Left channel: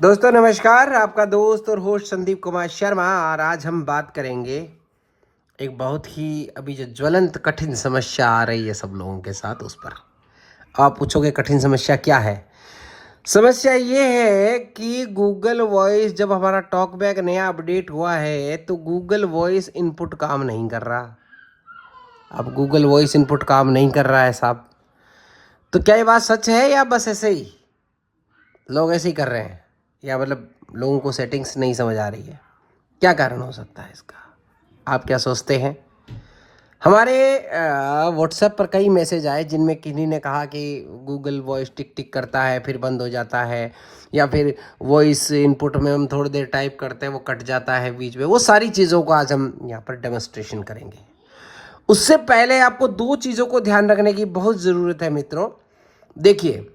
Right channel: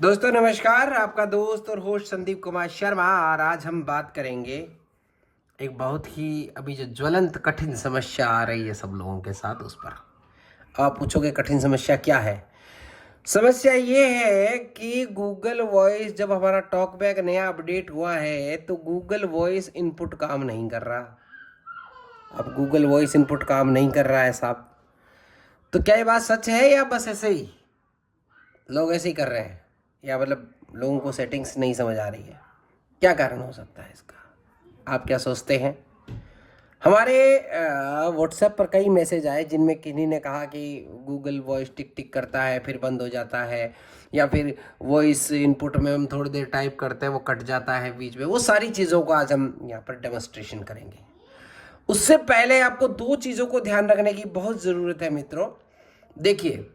दोस्तों नमस्कार, आपका दोस्त और होस्ट संदीप कुमार शर्मा। और आज हम बात करेंगे एक बहुत ही अभी जो ज्वलंत कठिन समस्या आ रही है सब लोगों के साथ, उस पर आप पूछोगे कठिन समस्या क्या है। समस्या ये है कि गूगल वॉइस, जब हमारा टॉकबैक नया अपडेट हुआ है तो गूगल वॉइस इनपुट काम नहीं कर रहा। अब गूगल वॉइस इनपुट काम नहीं कर रहा है साहब, तो क्या ये बात सच है या बस ऐसे ही लोग ऐसे ही कर रहे हैं, या मतलब लोगों को सेटिंग्स नहीं समझ आ रही है? क्या कारण हो सकता है इसका, आप क्या सोचते हैं? हमारे व्हाट्सएप पर कई मैसेज आए जिनमें किन्हीं ने कहा कि गूगल वॉइस टिक टिक करता है फिर बंद हो जाता है, या फिर वॉइस इनपुट में हम थोड़ी देर टाइप करते हैं वो कट जाता है बीच में। वो सारी चीज़ों को आज हम यहाँ पर डेमोस्ट्रेशन करेंगे। उससे पहले आपको दो चीज़ों को ध्यान रखने की बहुत ज़रूरत है मित्रों। देखिए,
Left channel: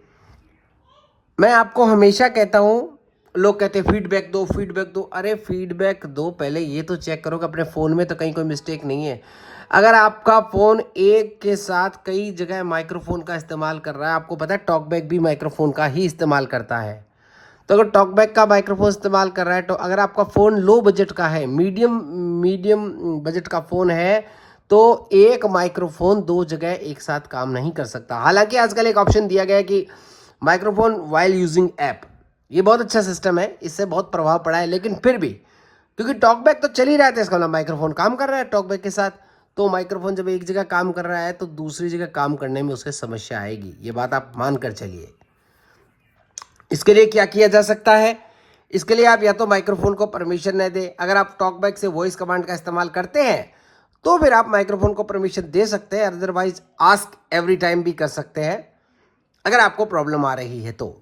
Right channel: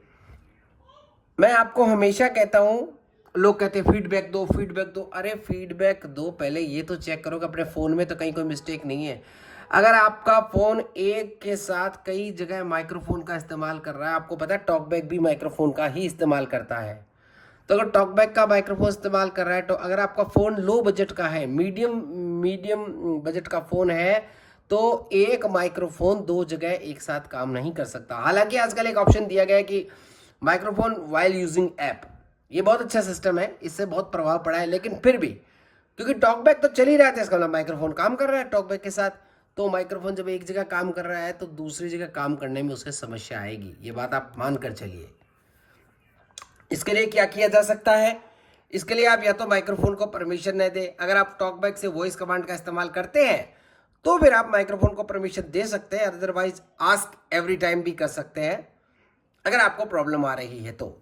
मैं आपको हमेशा कहता हूँ, लोग कहते हैं फीडबैक दो फीडबैक दो। अरे फीडबैक दो, पहले ये तो चेक करो कि अपने फ़ोन में तो कहीं कोई मिस्टेक नहीं है। अगर आपका फ़ोन एक के साथ कई जगह माइक्रोफोन का इस्तेमाल कर रहा है, आपको पता है टॉकबैक भी माइक्रोफोन का ही इस्तेमाल करता है, तो अगर टॉकबैक का माइक्रोफोन इस्तेमाल कर रहा है, तो अगर आपका फ़ोन लो बजट का है, मीडियम मीडियम बजट का फ़ोन है, तो एक माइक्रोफोन दो जगह एक साथ काम नहीं कर सकता। हालांकि आजकल एक ऑप्शन दिया गया है कि माइक्रोफोन वाइल यूजिंग ऐप, ये बहुत अच्छा सिस्टम है, इससे बहुत प्रभाव पड़ा है। लेकिन फिर भी क्योंकि टॉकबैक तो चल ही रहा था, इसका मतलब माइक्रोफोन काम कर रहा है टॉकबैक के साथ, तो माइक्रोफोन जब एक जगह काम कर रहा है तो दूसरी जगह काम करने में उसके समस्या आएगी, ये बात आप मान कर चलिए। इसके लिए क्या किया जा सकता है? इसके लिए आप या तो माइक्रोफोन को परमिशन न दें। अगर आप टॉकबैक से वॉइस कमांड का इस्तेमाल करते हैं तो फिर आप माइक्रोफोन को परमिशन दे सकते हैं, अदरवाइज आस्क एवरी टाइम भी कर सकते हैं अगर आपको प्रॉब्लम आ रही है तो।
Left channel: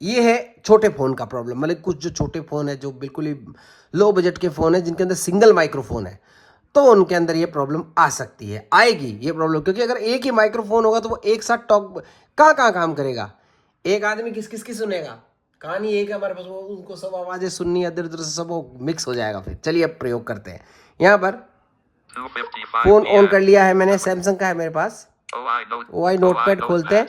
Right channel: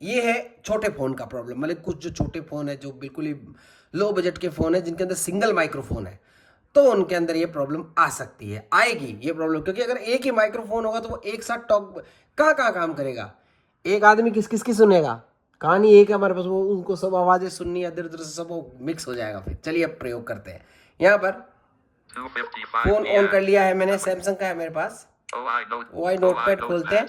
ये है छोटे फ़ोन का प्रॉब्लम, मतलब कुछ जो छोटे फ़ोन है, जो बिल्कुल ही लो बजट के फ़ोन है, जिनके अंदर सिंगल माइक्रोफोन है, तो उनके अंदर ये प्रॉब्लम आ सकती है, आएगी ये प्रॉब्लम। क्योंकि अगर एक ही माइक्रोफोन होगा तो वो एक साथ टॉक कहाँ कहाँ काम करेगा, एक आदमी किस किस की सुनेगा? कहानी एक है हमारे पास, वो उनको सब आवाज़ें सुननी है, इधर उधर से सब वो मिक्स हो जाएगा। फिर चलिए अब प्रयोग करते हैं। यहाँ पर फ़ोन ऑन कर लिया है मैंने, सैमसंग का है मेरे पास। OI नोटपैड खोलते हैं,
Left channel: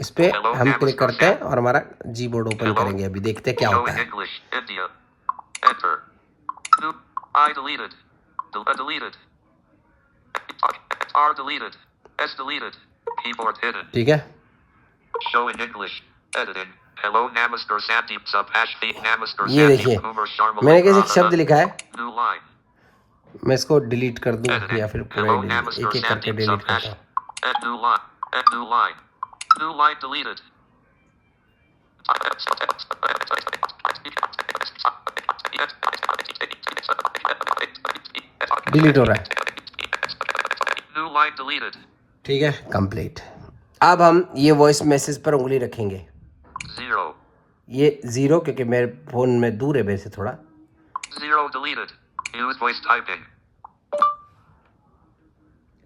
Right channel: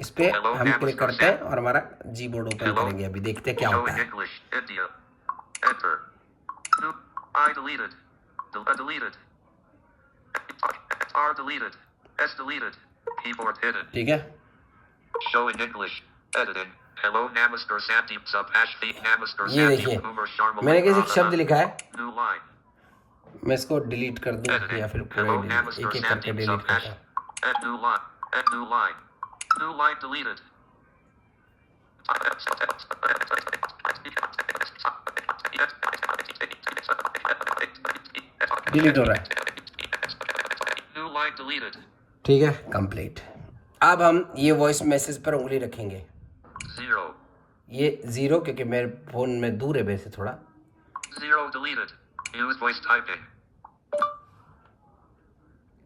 इस पे हम क्लिक करते हैं और हमारा जी बोर्ड ओपन करेंगे। अभी देखते हैं क्या होता है। ठीक है, ये देखिए मैंने कैसे एक शब्द लिखा है, मैं इसको डिलीट कर दूं या फिर पूरा एक एक करके डिलीट करता हूँ। डिलीट हो रहा है, ठीक है, कंप्लीट। अब हम ये वॉइस मैसेज पर उंगली रखेंगे, ये 0 क्योंकि मेरे फोन में दूर है वैसे थोड़ा।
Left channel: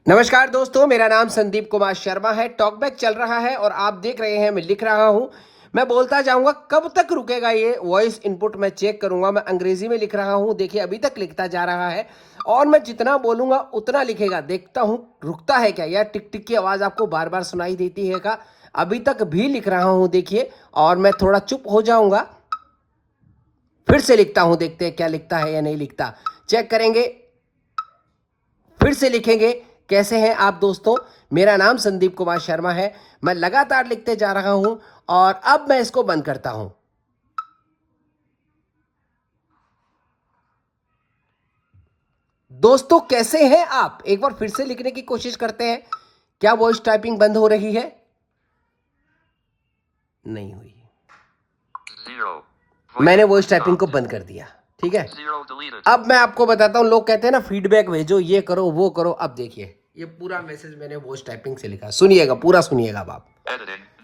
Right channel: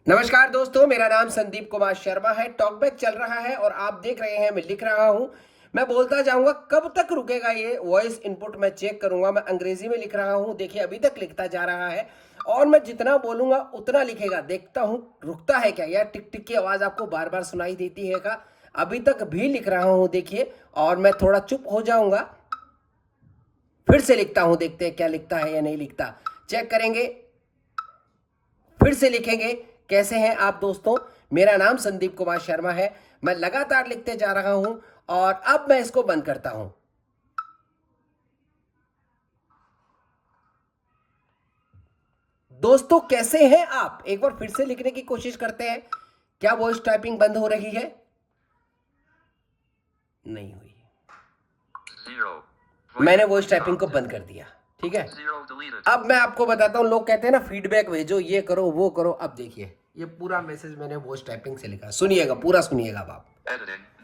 नमस्कार दोस्तों, मेरा नाम संदीप कुमार शर्मा है। टॉकबैक चल रहा है और आप देख रहे हैं मैं लिख रहा हूं। मैं बोलता जाऊंगा, कब तक रुकेगा ये वॉइस इनपुट मैं चेक करूंगा। मैं अंग्रेजी में लिख रहा हूं, देखिए अभी तक लिखता जा रहा है और मैं जितना बोलूंगा उतना लिखेगा। देखता हूं रुकता है क्या, या टिक टिक की आवाज़ आपको बार बार सुनाई देती है का? अभी तक भी लिख रहा हूं देखिए, और मैं थोड़ा चुप हो जाऊंगा, फिर से लिखता हूं, देखते हैं क्या लिखता है या नहीं लिखता, चेक करेंगे, फिर से लिखेंगे। कैसे हैं आप दोस्तों? मेरा नाम संदीप कुमार शर्मा है। मैं लगातार लिखते जा रहा हूं और अब मैं इसको बंद करता हूं। दोस्तों कैसे हैं आप? एक बार फिर से लिखने की कोशिश करते हैं। क्या वॉइस टाइपिंग बंद हो रही है? नहीं हुई। मैंने वॉइस टाइपिंग को बंद कर दिया, ठीक है। अब मैं आपको बताता हूं, लोग कहते हैं ना फीडबैक भेजो, ये करो वो करो। अब देखिए ये पूरा मैसेज मैंने वॉइस टाइपिंग से लिखा, सुनिएगा, पूरा सुनिएगा अब आप।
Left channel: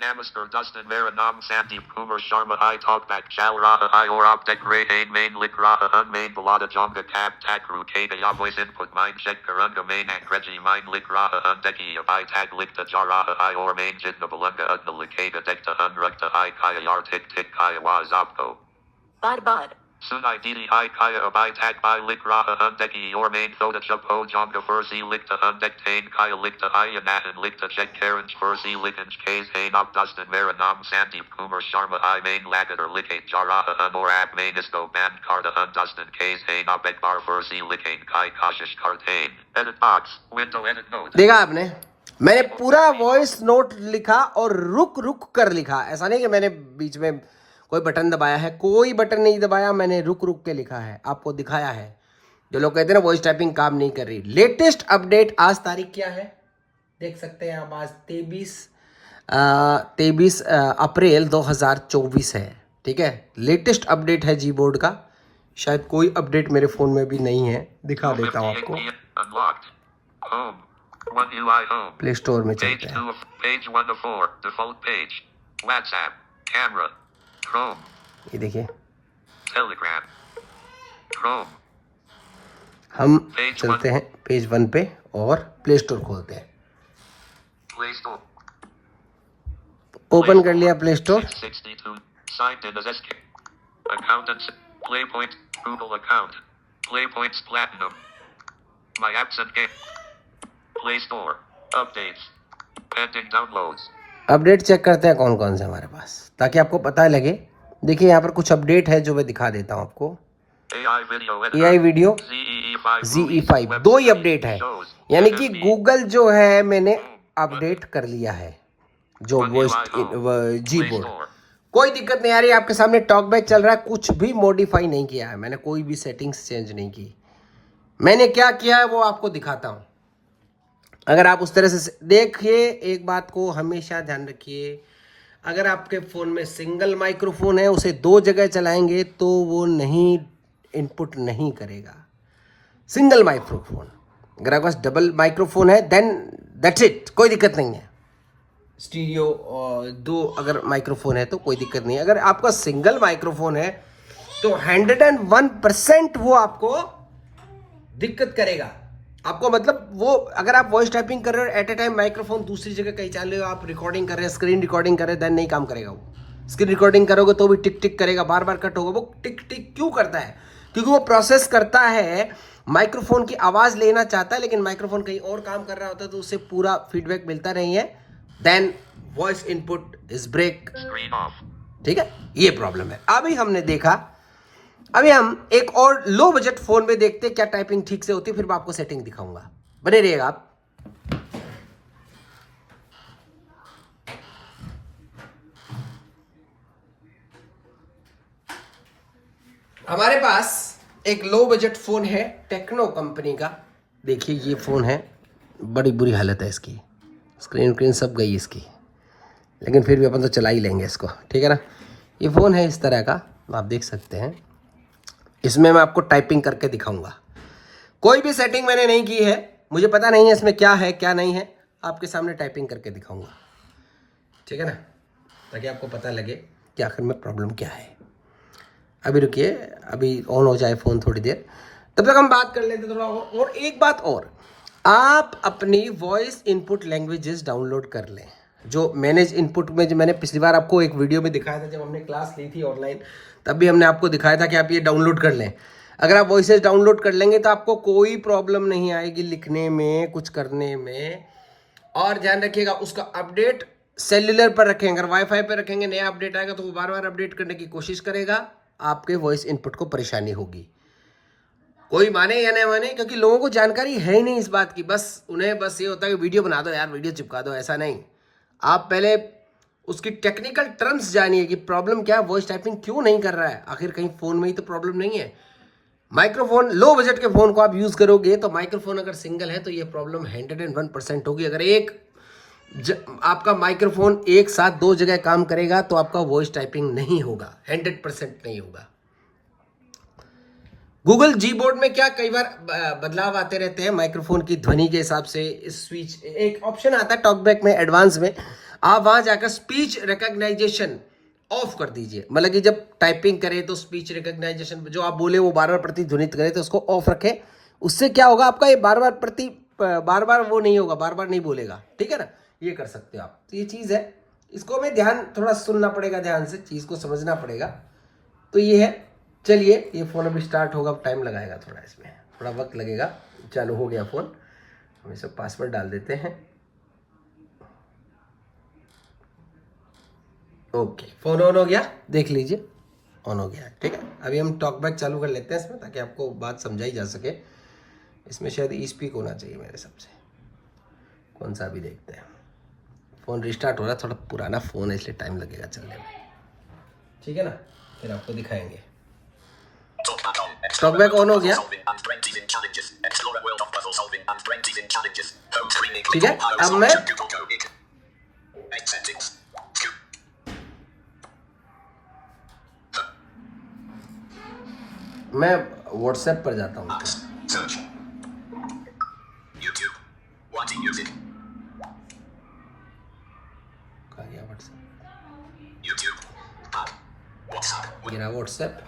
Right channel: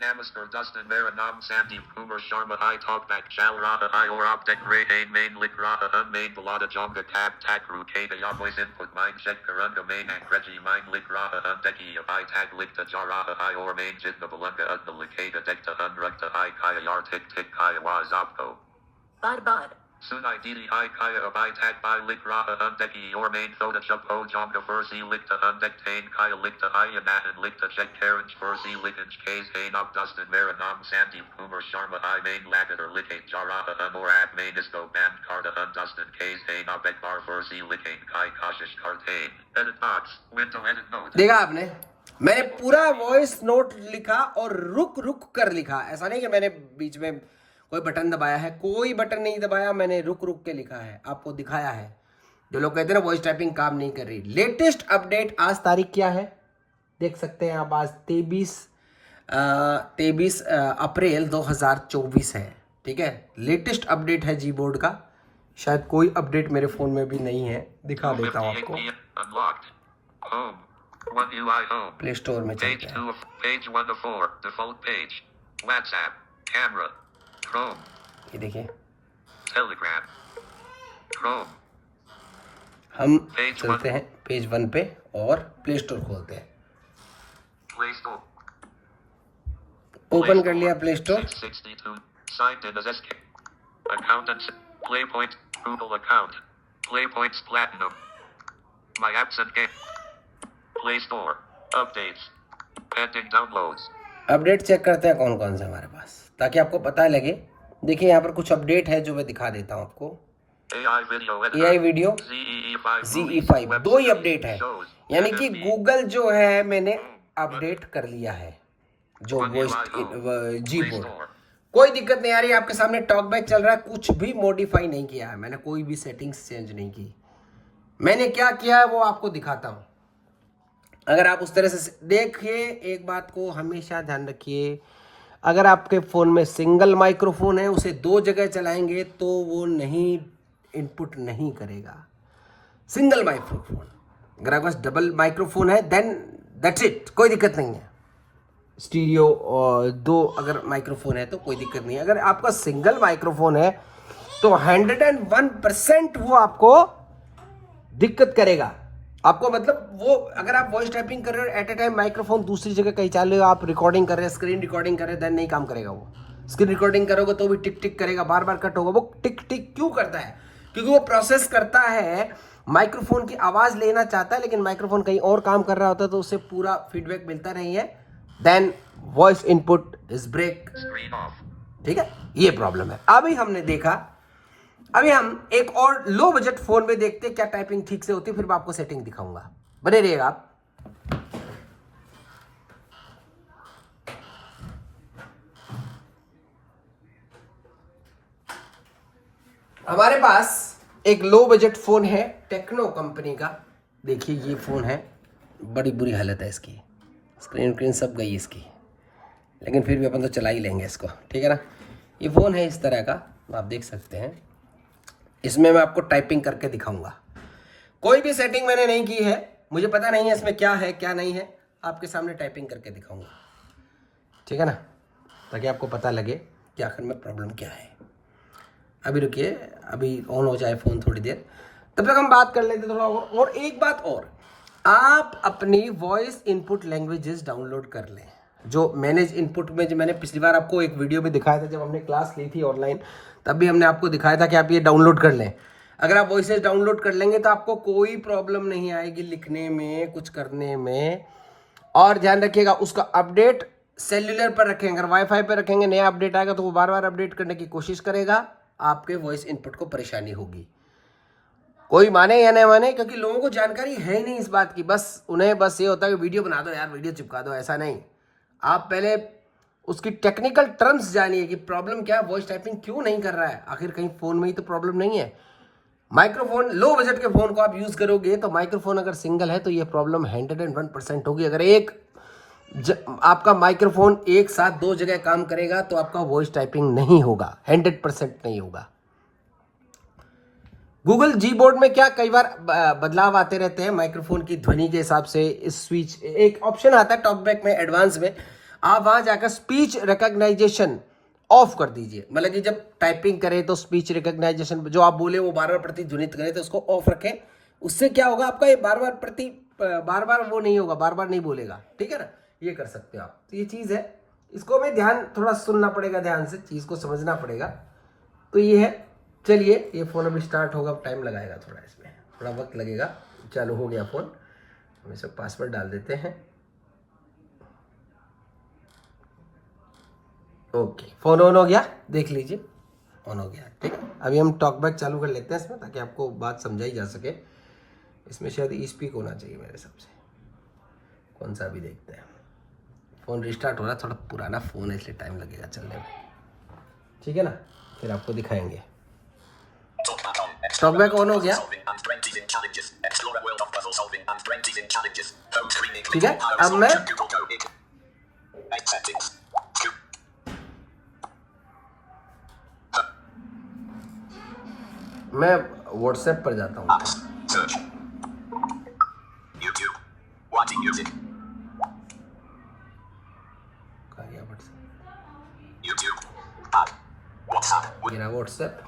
Namaskar Dustin Mera Nam Sandeep Kumar Sharma I Talkback Chal Raha I or Optic Ray Ain Main Lik Raha Unmain Balada Jonga Tab Takru Kada Ya Voice Input Mind Check Karunga Main Akreji Mind Lik Raha Undeki I Tag Likta Jaraha I or Main Jitna Balunga Udna Likada Dekta Unrukta I Kaya Yar Tik Tik Kaya Waz Opko. Bar bar Sunai didi I kaya abai tag by lik raha undeki your main thoda jump ho jonga furzi likta undek tain kaya likta ayanahan likta jet karanj furzi likanj kays hain up dustin maranam sandeep kumar sharma I main lagatar likate jaraha or ab main isko band karda dustin kays hain up ekbar furzi likane kai kashish kartain edit box window edit note. देखा आपने, मैंने पूरा voice note लिखा और रुक रुक कर लिखा। ऐसा नहीं कि मैंने बीच में कोई बटन दबाया है, कोई बटन नहीं दबाया, मैंने रुक रुक के लिखा है, आपको दिखाया है। जो लोग कहते हैं ना वॉइस टाइपिंग काम नहीं कर रही, लेटेस्ट अपडेट आज तारीख क्या है देख सकते हैं आप। आज 23 अप्रैल 2024 है, ठीक है। लेटेस्ट अपडेट है जी बोर्ड का। शायद कोई अपडेट मेरे फ़ोन में भी नहीं है, दिखा देता हूँ आपको। प्ले स्टोर में चलते हैं। Page 1 of 4 default page WhatsApp camera Chrome ये देखिए, Telegram Chrome हम चलते हैं पेज 1 पे और प्ले स्टोर खोलते हैं। Play Store ओपन कर लिया play store. 62 signed in as SK accountants Playpoint Google account Playpoints Platinum My apps and game Play Store updates pending downloads update check करते हैं कौन कौन से हमारे पास, ताकि आपको पता लगे। देखिए यहाँ पर कुछ अपडेट है जो मैं दिखा देता हूँ आपको। AI वीडियो ZE5 दो ही अपडेट है, यानी कि गूगल जो है मैंने अपडेट कर लिया है जो जी बोर्ड। कोई दिक्कत नहीं आ रही, आपके सामने टॉकबैक चल रहा है, कुछ भी मॉडिफाई नहीं किया है मैंने, कोई भी सेटिंग्स चेंज नहीं की। मैंने क्या किया है वो आपको दिखाता हूँ। अगर आप उस तरह से देखिए, एक बात को हमेशा ध्यान रखिए, अगर आपके फ़ोन में सिंगल माइक्रोफोन है, उसे दो जगह चलाएंगे तो वो नहीं इनपुट नहीं करेगा। सिंगल माइक्रोफोन, अगर आपके पास डबल माइक्रोफोन है देन दैट्स इट, कोई दिक्कत नहीं है। स्टीरियो और दो अगर माइक्रोफोन है तो कोई दिक्कत नहीं है। अगर आपका सिंगल माइक्रोफोन है तो 101% वो आपको दिक्कत करेगा। आपको मतलब वो अगर आप वॉइस टाइपिंग कर रहे हो एट ए टाइम माइक्रोफोन दूसरी जगह कहीं चाल रहे हो, आप रिकॉर्डिंग कर रहे हैं, स्क्रीन रिकॉर्डिंग कर रहे हैं, देन नहीं काम करेगा वो। स्क्रीन रिकॉर्डिंग करोगे तो भी टिक टिक करेगा, बार बार कट होगा। वो टिक टिक क्यों करता है? क्योंकि वो प्रोसेस करता है, माइक्रोफोन की आवाज़ लेना चाहता है लेकिन माइक्रोफोन कहीं और काम कर रहा होता है, तो उससे पूरा फीडबैक मिलता नहीं है, then voice input is break. ठीक है, ये प्रॉब्लम है। अभी हमने देखा, अभी हम एक और लो बजट फोन में देखते हैं क्या टाइपिंग ठीक से होती है, फिर मैं आपको सेटिंग दिखाऊंगा, बने रहिएगा आप। हमारे पास एक लो बजट फोन है टेक्नो कंपनी का। देखिए ये फोन है, बड़ी बुरी हालत है इसकी, स्क्रीन सब गई इसकी, लेकिन फिर भी अपन तो चला ही लेंगे इसको, ठीक है ना। ये फ़ोन है इस तरह का, आप देख सकते हैं। इसमें मैं आपको टाइपिंग करके दिखाऊंगा। कोई भी सेटिंग मैंने नहीं की है, मुझे पता नहीं है इसमें क्या है क्या नहीं है, आपके सामने टाइपिंग करके दिखाऊंगा, ठीक है ना, ताकि आपको पता लगे कि आखिर में प्रॉब्लम क्या है। अभी रुकिए, अभी ऑन हो जाए फ़ोन थोड़ी देर, तब तक हम बात कर लेते थोड़ा और एक बात और, आप अपनी वॉइस इनपुट लैंग्वेजेस डाउनलोड कर लें। जो मैनेज इनपुट में, जो मैंने पिछली बार आपको एक वीडियो में दिखाया था जब हमने क्लास ली थी ऑनलाइन, तब भी हमने आपको दिखाया था कि आप ये डाउनलोड कर लें। अगर आप वॉइसेस डाउनलोड कर लेंगे तो आपको कोई प्रॉब्लम नहीं आएगी लिखने में, कुछ करने में। और ध्यान रखिएगा उसका अपडेट सेल्युलर पर रखेंगे, अगर वाईफाई पर रखेंगे नया अपडेट आएगा तो वो बार बार अपडेट करने की कोशिश करेगा, आपके वॉइस इनपुट को परेशानी होगी। कोई माने या नहीं माने, क्योंकि लोगों को जानकारी है ही नहीं इस बात की, बस उन्हें बस ये होता है कि वीडियो बना दो यार, वीडियो चिपका दो, ऐसा नहीं। आप पहले उसकी टेक्निकल टर्म्स जानिए कि प्रॉब्लम क्या है, वॉइस टाइपिंग क्यों नहीं कर रहा है, आखिर कहीं फ़ोन में ही तो प्रॉब्लम नहीं है। माइक्रोफोन, लो बजट के फ़ोन को आप यूज़ करोगे तो माइक्रोफोन अगर सिंगल है तो ये प्रॉब्लम 101% होगी। अगर आपका माइक्रोफोन एक साथ दो जगह काम करेगा तो आपका वॉइस टाइपिंग नहीं होगा, 100% नहीं होगा। गूगल जी बोर्ड में क्या कई बार बदलाव आते रहते हैं माइक्रोफोन की ध्वनि के हिसाब से। स्पीच एक ऑप्शन आता है टॉकबैक में एडवांस में, आप वहां जाकर स्पीच रिकॉग्नाइजेशन ऑफ कर दीजिए, मतलब कि जब टाइपिंग करें तो स्पीच रिकॉग्नाइजेशन जो आप बोले वो बार बार प्रतिध्वनित करें तो उसको ऑफ रखें। उससे क्या होगा, आपका ये बार बार वो नहीं होगा, बार बार नहीं बोलेगा, ठीक है ना। ये कर सकते हो आप, तो ये चीज़ है, इसको हमें ध्यान थोड़ा सुनना पड़ेगा, ध्यान से चीज़ को समझना पड़ेगा। तो ये है, चलिए ये फ़ोन अभी स्टार्ट होगा, टाइम लगाएगा थोड़ा, इसमें थोड़ा वक्त लगेगा। चालू हो गया फ़ोन, हम इसमें पासवर्ड डाल देते हैं। ओके, फ़ोन ऑन हो गया, देख लीजिए ऑन हो गया। ठीक है, अभी हम टॉक बैक चालू कर लेते हैं इसमें, ताकि आपको बात समझाई जा सके। इसमें शायद ई स्पीक होना चाहिए मेरे हिसाब से, कौन सा अभी देखते हैं। फ़ोन रिस्टार्ट हो रहा है, थोड़ा पुराना फ़ोन है इसलिए टाइम लगेगा चलने में। ठीक है ना, फिर आपको दिखाएंगे। टॉकबैक ऑन हो गया। ठीक है, अब मैं व्हाट्सएप पर जाता हूँ। कहाँ गया व्हाट्सएप? ये रहा व्हाट्सएप।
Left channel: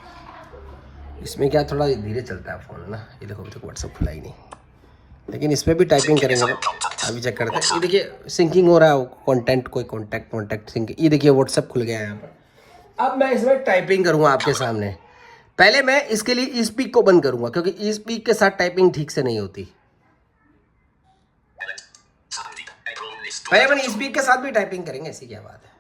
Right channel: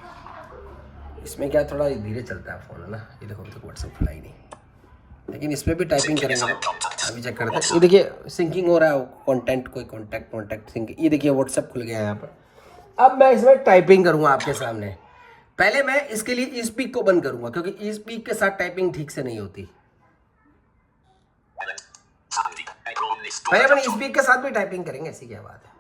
इसमें क्या थोड़ा धीरे चलता है फ़ोन, है ना। ये देखो अभी तक व्हाट्सएप खुला ही नहीं, लेकिन इसमें भी टाइपिंग करेंगे। अभी चेक करते हैं। ये देखिए सिंकिंग हो रहा है, कॉन्टेंट कोई कॉन्टैक्ट सिंकिंग। ये देखिए व्हाट्सएप खुल गया है यहाँ पर। अब मैं इसमें टाइपिंग करूँगा आपके सामने। पहले मैं इसके लिए ई स्पीक को बंद करूँगा, क्योंकि ई स्पीक के साथ टाइपिंग ठीक से नहीं होती। पहले अपन ई स्पीक के साथ भी टाइपिंग करेंगे, ऐसी क्या बात है।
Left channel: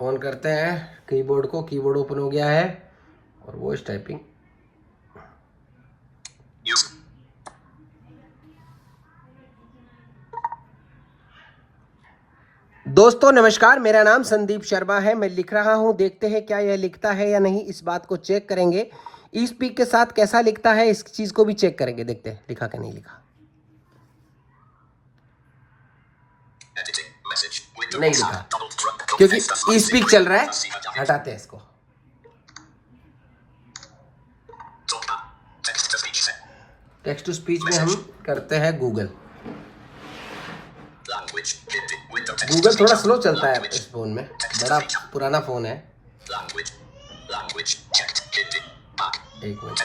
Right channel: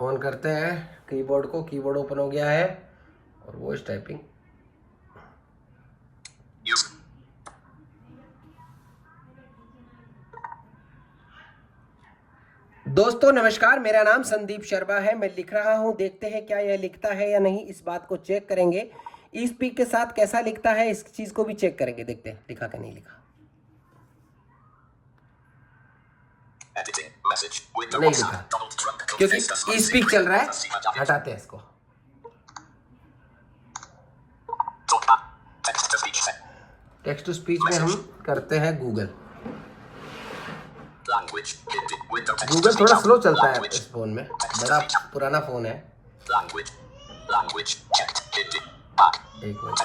ऑन करते हैं कीबोर्ड को, कीबोर्ड ओपन हो गया है और वॉइस टाइपिंग। दोस्तों नमस्कार, मेरा नाम संदीप शर्मा है। मैं लिख रहा हूं, देखते हैं क्या यह लिखता है या नहीं, इस बात को चेक करेंगे। ई स्पीक के साथ कैसा लिखता है, इस चीज को भी चेक करेंगे, देखते हैं लिखा कि नहीं लिखा। नहीं लिखा, क्योंकि ई स्पीक चल रहा है। हटाते हैं इसको। टेक्स्ट टू स्पीच में हम करते हैं गूगल। गूगल थोड़ा स्लो चलता है इस फोन में, बड़ा पुराना फोन है। एक मिनट,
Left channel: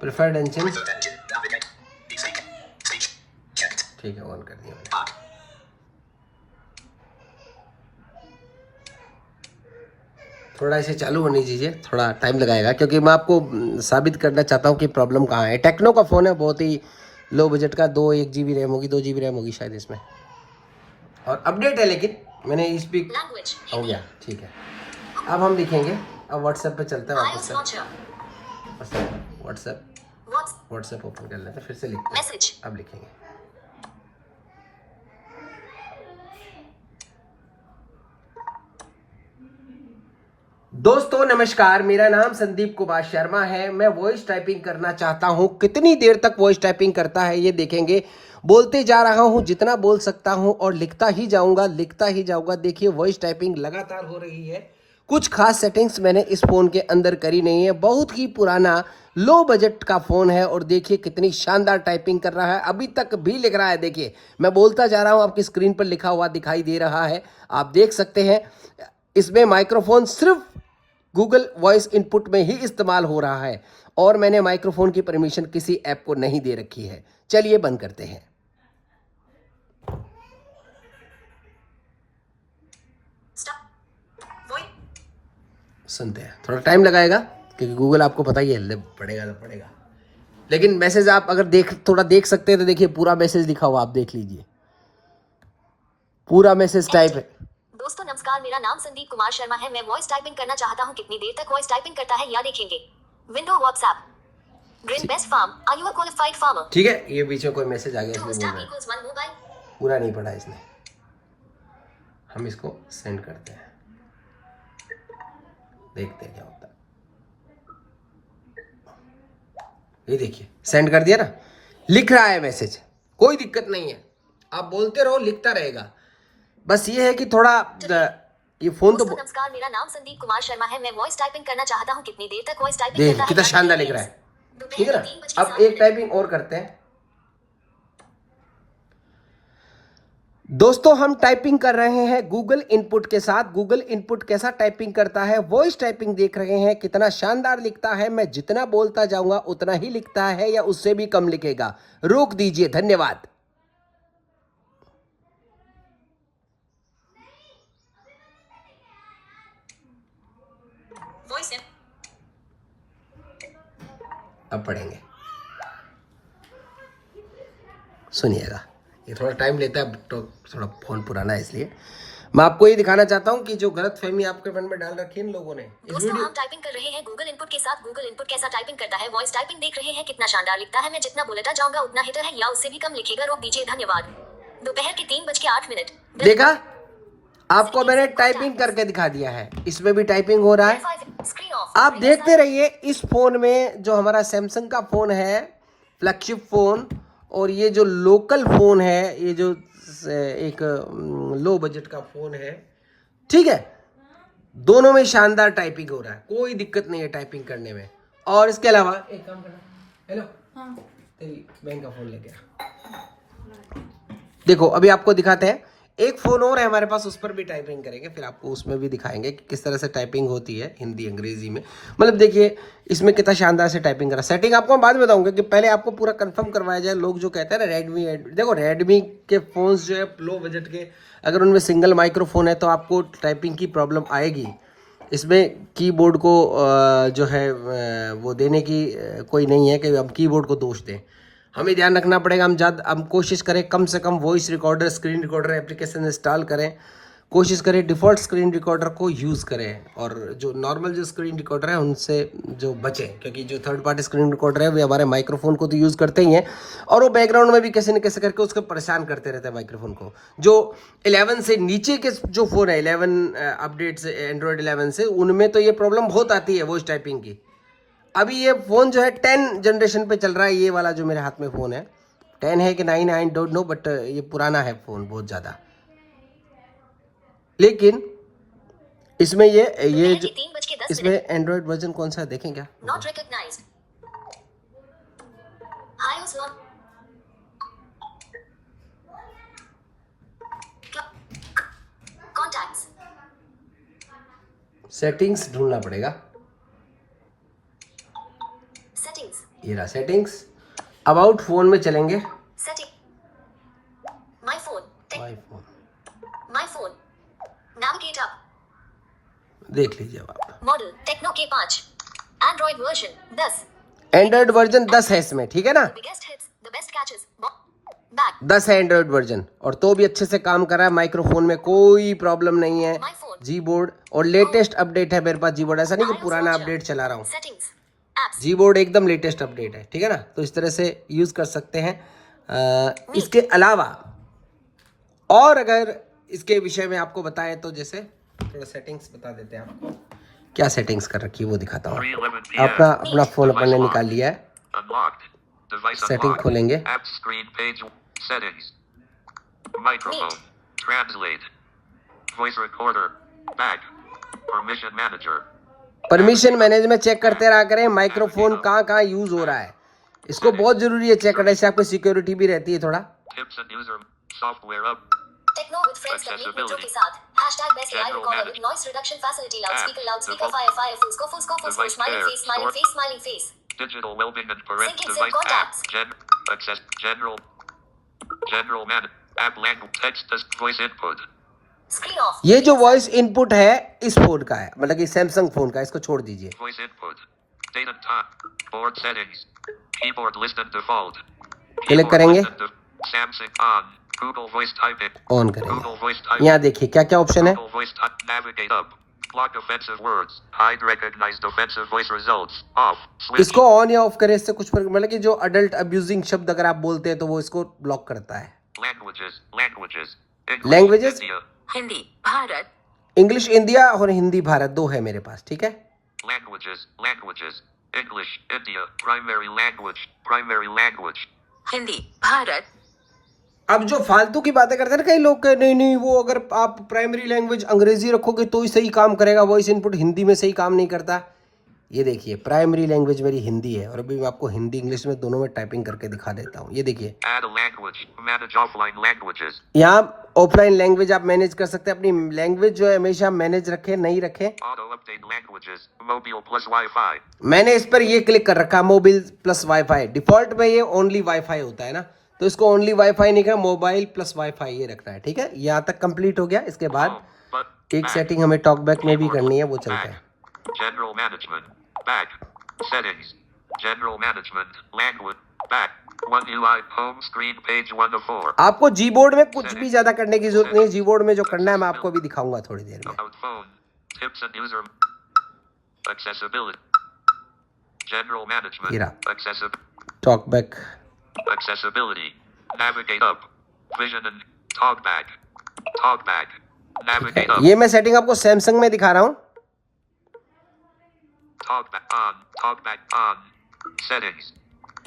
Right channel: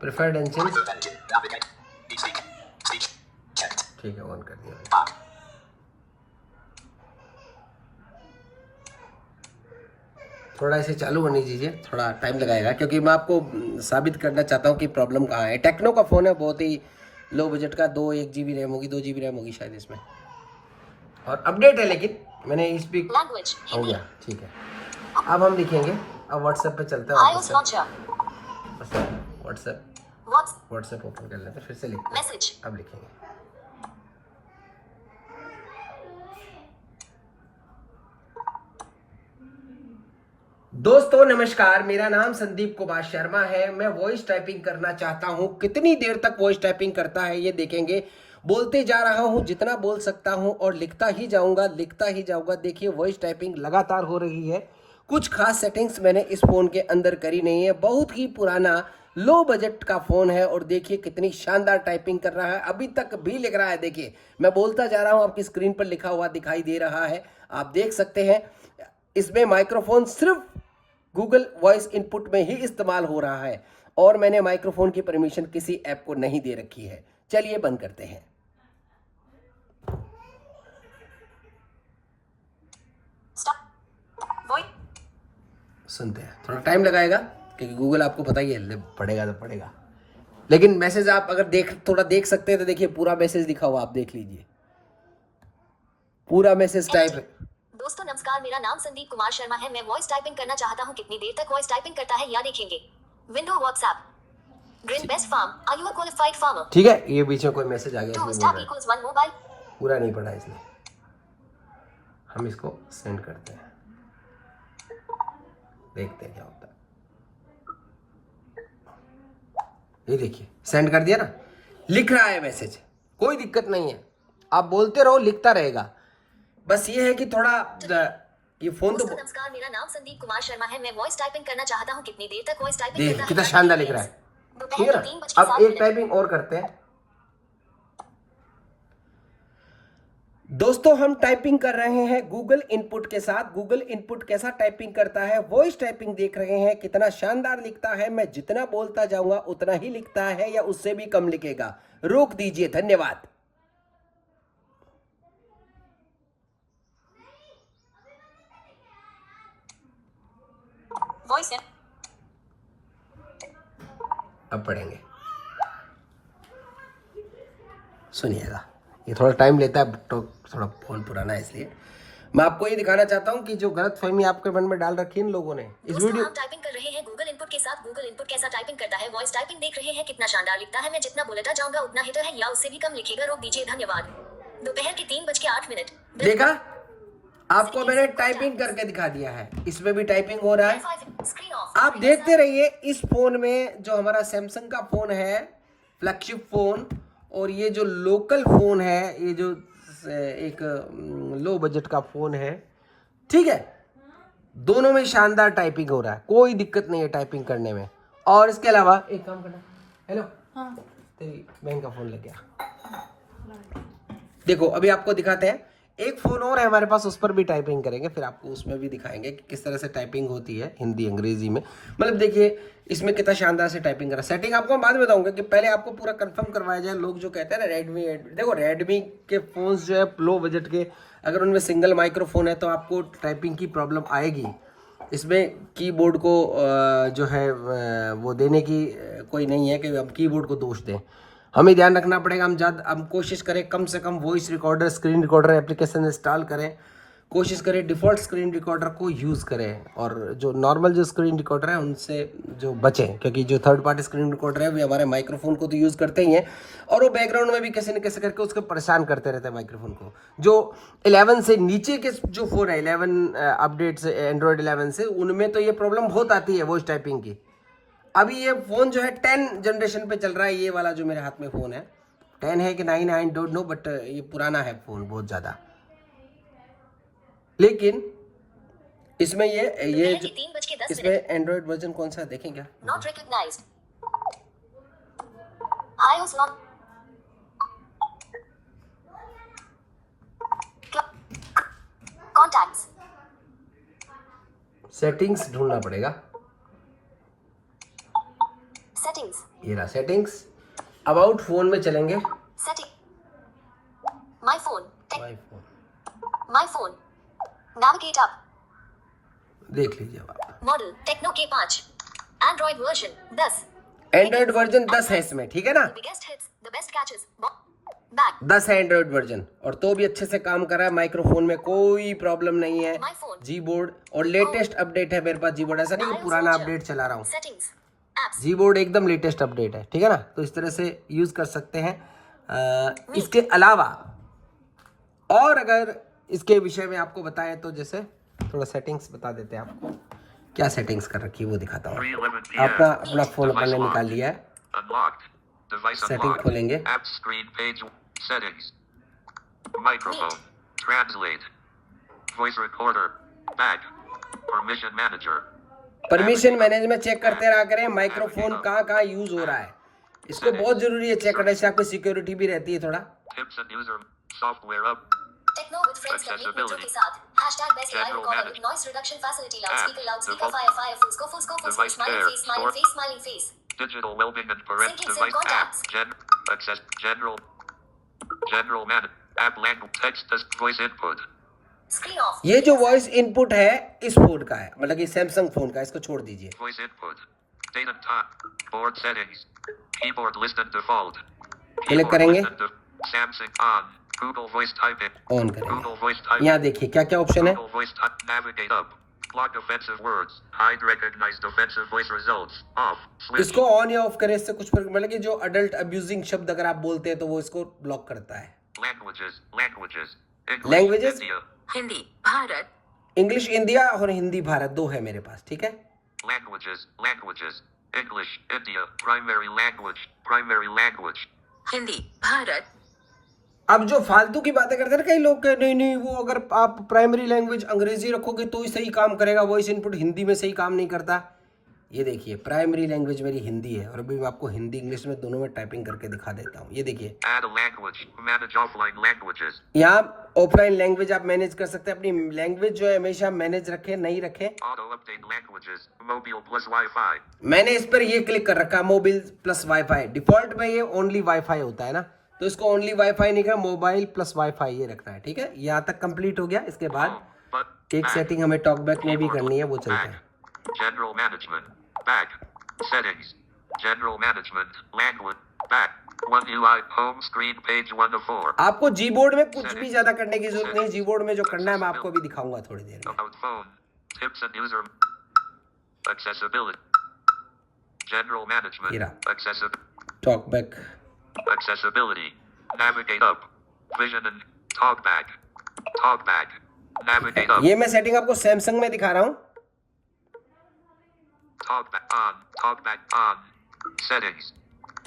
प्रेफर्ड इंजन, ठीक है, ऑन कर दिया मैंने। थोड़ा इसे चालू होने दीजिए, थोड़ा टाइम लगाएगा, क्योंकि मैं आपको साबित करना चाहता हूँ कि प्रॉब्लम कहाँ है। टेक्नो का फ़ोन है, बहुत ही लो बजट का, 1 GB रैम होगी, 2 GB रैम होगी शायद इसमें, और अपडेट है। लेकिन मैंने स्पीक हो गया, ठीक है। अब हम लिखेंगे, अब व्हाट्सएप पे चलते हैं वापस से। व्हाट्सएप ओपन कर लेते हैं, फिर से लिखते हैं। अब लिखेंगे दोस्तों नमस्कार, मेरा नाम संदीप कुमार शर्मा है। मैं वॉइस टाइपिंग करना चाहता हूं। कितनी देर तक वॉइस टाइपिंग करता है ये देखेंगे। बोलते जा रहा हूं जितना बोल सकता हूं, और लिखता ही जाऊंगा। देखिए वॉइस टाइपिंग लगातार हो रही है। कुछ खास सेटिंग्स मैंने इस फ़ोन के अंदर करी नहीं है। बहुत ही पुराना लो बजट का फ़ोन है, और देखिए कितनी शानदार टाइपिंग कर रहा है। अभी तक भी लिख रहा है। देखिए मैं बोलता जा रहा हूँ, आपकी स्क्रीन पर लिखा हुआ दिखाई दे रहा है, आप देख सकते हैं। इसमें माइक्रोफोन सिर्फ गूगल वॉइस इनपुट में ही इस्तेमाल हो रहा है, और मैंने माइक्रोफोन की परमिशन किसी ऐप को नहीं दे रखी है। चलिए बंद करते हैं। सुनते हैं, थोड़ा टाइम लगाएगा, क्योंकि गूगल आपको पता ही है, पड़ेगा। लेकिन मैसेज आप अगर थोड़ा देख सकते हैं तो देखिए पूरा मैसेज लिखा हुआ, आप देख लीजिए, पूरा मैसेज टाइप है। दोस्तों नमस्कार, मेरा नाम संदीप कुमार शर्मा है। मैं वॉइस टाइपिंग करना चाहता हूं। कितनी देर तक वॉइस टाइपिंग करता है या देखेंगे। Window WhatsApp, green best farm, are you a qualified farmer. ठीक है, ये बीच में कोई मैसेज आ गया, इसमें बोल रहा है, पूरा नहीं पढ़ा इसने। हम इसको सेंड करते हैं, देखते हैं क्या होता है। ये देखिए सेंड कर दिया ना, लिख रहा है मैसेज, कोई दिक्कत नहीं है। आप बोलते रहो, लिखता रहेगा। बस ये है कि थोड़ा ये फोन तो। नमस्कार, मेरा नाम संदीप कुमार शर्मा है। मैं वॉइस टाइपिंग करना चाहता हूं। कितनी देर तक वॉइस टाइपिंग करता है, कितना शानदार लिख रहा है, ठीक है ना। अब एक टाइपिंग और करते हैं। दोस्तों हम टाइपिंग कर रहे हैं गूगल इनपुट के साथ। गूगल इनपुट कैसा टाइपिंग करता है, वॉइस टाइपिंग देख रहे हैं, कितना शानदार लिखता है। मैं जितना बोलता जाऊंगा उतना ही लिखता है, या उससे भी कम लिखेगा। रोक दीजिए, धन्यवाद। वॉइस अब पढ़ेंगे, सुनिएगा। ये थोड़ा टाइम लेता है तो थोड़ा फोन पुराना है, इसलिए मैं आपको ये दिखाना चाहता हूँ कि जो गलतफहमी आपके मन में डाल रखी है इन लोगों ने। इस दोस्तों वीडियो हम टाइपिंग कर रहे हैं गूगल इनपुट के साथ। गूगल इनपुट कैसा टाइपिंग करता है, वॉइस टाइपिंग देख रहे हैं कितना शानदार लिखता है। मैं जितना बोलता जाऊंगा उतना हिटर है या उससे भी कम लिखेगा, रोक दीजिए, धन्यवाद। दोपहर के 3:08। देखा, आपको मैंने टाइपिंग करके दिखा दिया है, इसमें भी टाइपिंग हो रहा है। Screen of. आप देखते रहिए। इस फोन में जो हमारा सैमसंग का फोन है, फ्लैगशिप फोन, और ये जो लोकल फोन है, ये जो एक लो बजट का फोन है, ठीक है, दोनों में शानदार टाइपिंग हो रहा है, कोई दिक्कत नहीं है टाइपिंग करने में। और इसके अलावा एक काम करना, हेलो, तेरी बहन का फोन लेके आ। देखो अभी आपको दिखाते हैं, एक फ़ोन और है हमारे पास, उस पर भी टाइपिंग करेंगे, फिर आपको उसमें भी दिखाएंगे कि किस तरह से टाइपिंग होती है हिंदी अंग्रेजी में। मतलब देखिए इसमें कितना शानदार से टाइपिंग करा। सेटिंग आपको मैं बाद में बताऊंगा कि पहले आपको पूरा कंफर्म करवाया जाए। लोग जो कहते हैं ना रेडमी, देखो रेडमी के फ़ोन्स जो है लो बजट के, अगर उनमें सिंगल माइक्रोफोन है तो आपको टाइपिंग की प्रॉब्लम आएगी। इसमें कीबोर्ड को जो है वो देने की कोई नहीं है कि हम कीबोर्ड को दोष दें। हमें ध्यान रखना पड़ेगा, हम कोशिश करें कम से कम voice recorder, screen recorder application install करें, कोशिश करें डिफ़ॉल्ट स्क्रीन रिकॉर्डर को यूज़ करें, और जो नॉर्मल जो स्क्रीन रिकॉर्डर है उनसे जो बचें, क्योंकि जो थर्ड पार्टी स्क्रीन रिकॉर्डर है वे हमारे माइक्रोफोन को तो यूज़ करते ही हैं, और वो बैकग्राउंड में भी कैसे न कैसे करके उसको परेशान करते रहते हैं माइक्रोफोन को। जो 11 से नीचे के जो फ़ोन है, 11 अपडेट से, एंड्रॉयड 11 से, उनमें तो ये प्रॉब्लम बहुत आती है वॉइस टाइपिंग की। अभी ये फ़ोन जो है 10 जनरेशन पे चल रहा है, ये वाला जो मेरे हाथ में फ़ोन है 10 है कि 9 आई डोंट नो, बट ये पुराना है फ़ोन बहुत ज़्यादा। लेकिन इसमें ये जो इसमें एंड्रॉयड वर्जन कौन सा है देखें क्या? Not recognised. iOS not contacts. Settings ढूंढना पड़ेगा। सेटिंग्स, ये रहा सेटिंग्स। अबाउट फोन में चलेंगे। Setting, my phone, my phone, my phone, navigate up, देख लीजिए आप। Model Tecno K5, Android version 10, Android version 10 है इसमें, ठीक है ना? Biggest hits, the best catches, back 10 है एंड्रॉयड वर्जन, और तो भी अच्छे से काम कर रहा है। माइक्रोफोन में कोई प्रॉब्लम नहीं है। माय फोन, जी बोर्ड और लेटेस्ट अपडेट है मेरे पास। जी बोर्ड ऐसा नहीं कि पुराना अपडेट चला रहा हूँ। सेटिंग्स, एप्स, जी बोर्ड एकदम लेटेस्ट अपडेट है, ठीक है ना? तो इस तरह से यूज़ कर सकते हैं। इसके अलावा और अगर इसके विषय में आपको बताएं तो जैसे थोड़ा सेटिंग्स बता देते हैं आपको, क्या सेटिंग्स कर रखी है वो दिखाता हूँ। 3:11 p.m. अपना फ़ोन अपन ने निकाल लिया है। Unlocked. Device setting unlocked. खोलेंगे। App screen page. Settings. Microphone. Translate. Voice recorder. Back. Permission manager. Permission management check करते रहा करें, माइक्रोफोन कहाँ कहाँ यूज़ हो रहा है, इसको बहुत ज़रूरी है चेक करने से, आपको सिक्योरिटी भी रहती है थोड़ा। Tips and user software up. Tecno with friends का मीट मित्रों के साथ #best live recorder with noise reduction facility, loudspeaker fire full scope smiling face Digital well-being and parent Sync device contacts. apps. Access general man app language text as voice input. Screen of. ये जो voice input है इस phone का है, मतलब कि Samsung phone का, इसको छोड़ दीजिए। Voice input. Date and time. Board settings. Keyboard list and default. Click Keyboard करेंगे, list and Samsung on. Google voice typing. On Google करेंगे। voice typing. यहाँ देखिए क्या क्या ऑप्शन है। Google voice type. Navigate up. Block offensive words. Hide recognized offensive voice results. Off. Switch. इसको on या of करें, इससे कुछ फर्क, मतलब कि जो अडल्ट अब्यूजिंग शब्द अगर आप बोलते हैं तो वो इसको ब्लॉक करता है। Languages. Languages. Languages? India. Hindi Bharat, English India और हिंदी भारत, दो है मेरे पास, ठीक है। Languages. Languages. English. India. Primary language. Primary language. Hindi Bharat, अब जो फालतू की बातें करते हैं ना कई लोग, के नहीं नहीं वो अगर आप प्राइमरी लैंग्वेज अंग्रेजी रखोगे तो ही सही काम करेगा, वॉइस इनपुट हिंदी में सही काम नहीं करता। ये देखिए प्राइमरी लैंग्वेज मेरी हिंदी है, और अभी मैं आपको हिंदी इंग्लिश में दोनों में टाइपिंग करके दिखा देता हूँ। ये देखिए Add a language. Manage offline languages. यहाँ ऑफलाइन लैंग्वेज आप मैनेज कर सकते हैं। अपनी लैंग्वेज जो है हमेशा मैनेज रखें, नहीं रखें। Auto update languages. Mobile plus Wi-Fi. मैंने इस पर ये क्लिक कर रखा, मोबाइल प्लस वाईफाई। डिफॉल्ट में ये ओनली वाईफाई होता है ना, तो इसको ओनली वाईफाई नहीं करना, मोबाइल प्लस वाईफाई ये रखना है, ठीक है। यहाँ तक कंप्लीट हो गया। इसके बाद Home. But एक back. सेटिंग हमें टॉकबैक में भी Keyboard करनी है, वो back. चलते हैं। General management. Back. Settings. General management. Language. Back. One UI. Home screen. Page 1 of 4. आपको जी बोर्ड में कुछ भी ज्यादा करने की जरूरत नहीं है। जी बोर्ड में जो करना है मैं आपको भी दिखाऊंगा थोड़ी देर में। About phone. Tips and user. Accessibility. General management. Ira. Accessibility. Talkback, Accessibility. Navigate up. Vision and talkback. Talkback. Navigate up. ये मैं सेटिंग आपको सैमसंग में दिखा रहा हूँ। Talkback on. Talkback on. Settings.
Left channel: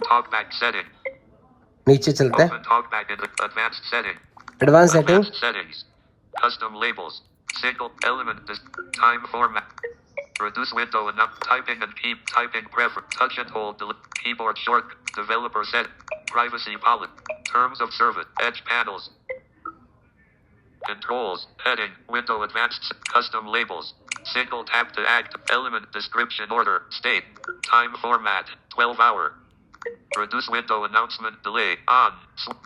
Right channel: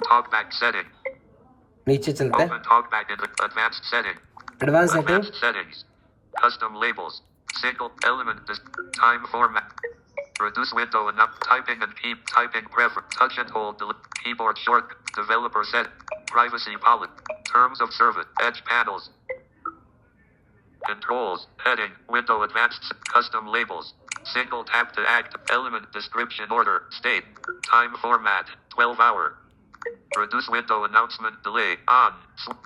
Talkback setting. नीचे चलते हैं, Open talkback in advanced setting. Advance setting, Advanced settings. Custom labels. Single element. Time format. Reduce window and up. Typing and keep typing preference. Touch and hold. Keyboard short. Developer set. Privacy policy. Terms of service. Edge panels. Controls. Heading. Window advanced. Custom labels. Single tap to act. Element description order. State. Time format. 12 hour. Reduce window announcement delay. On.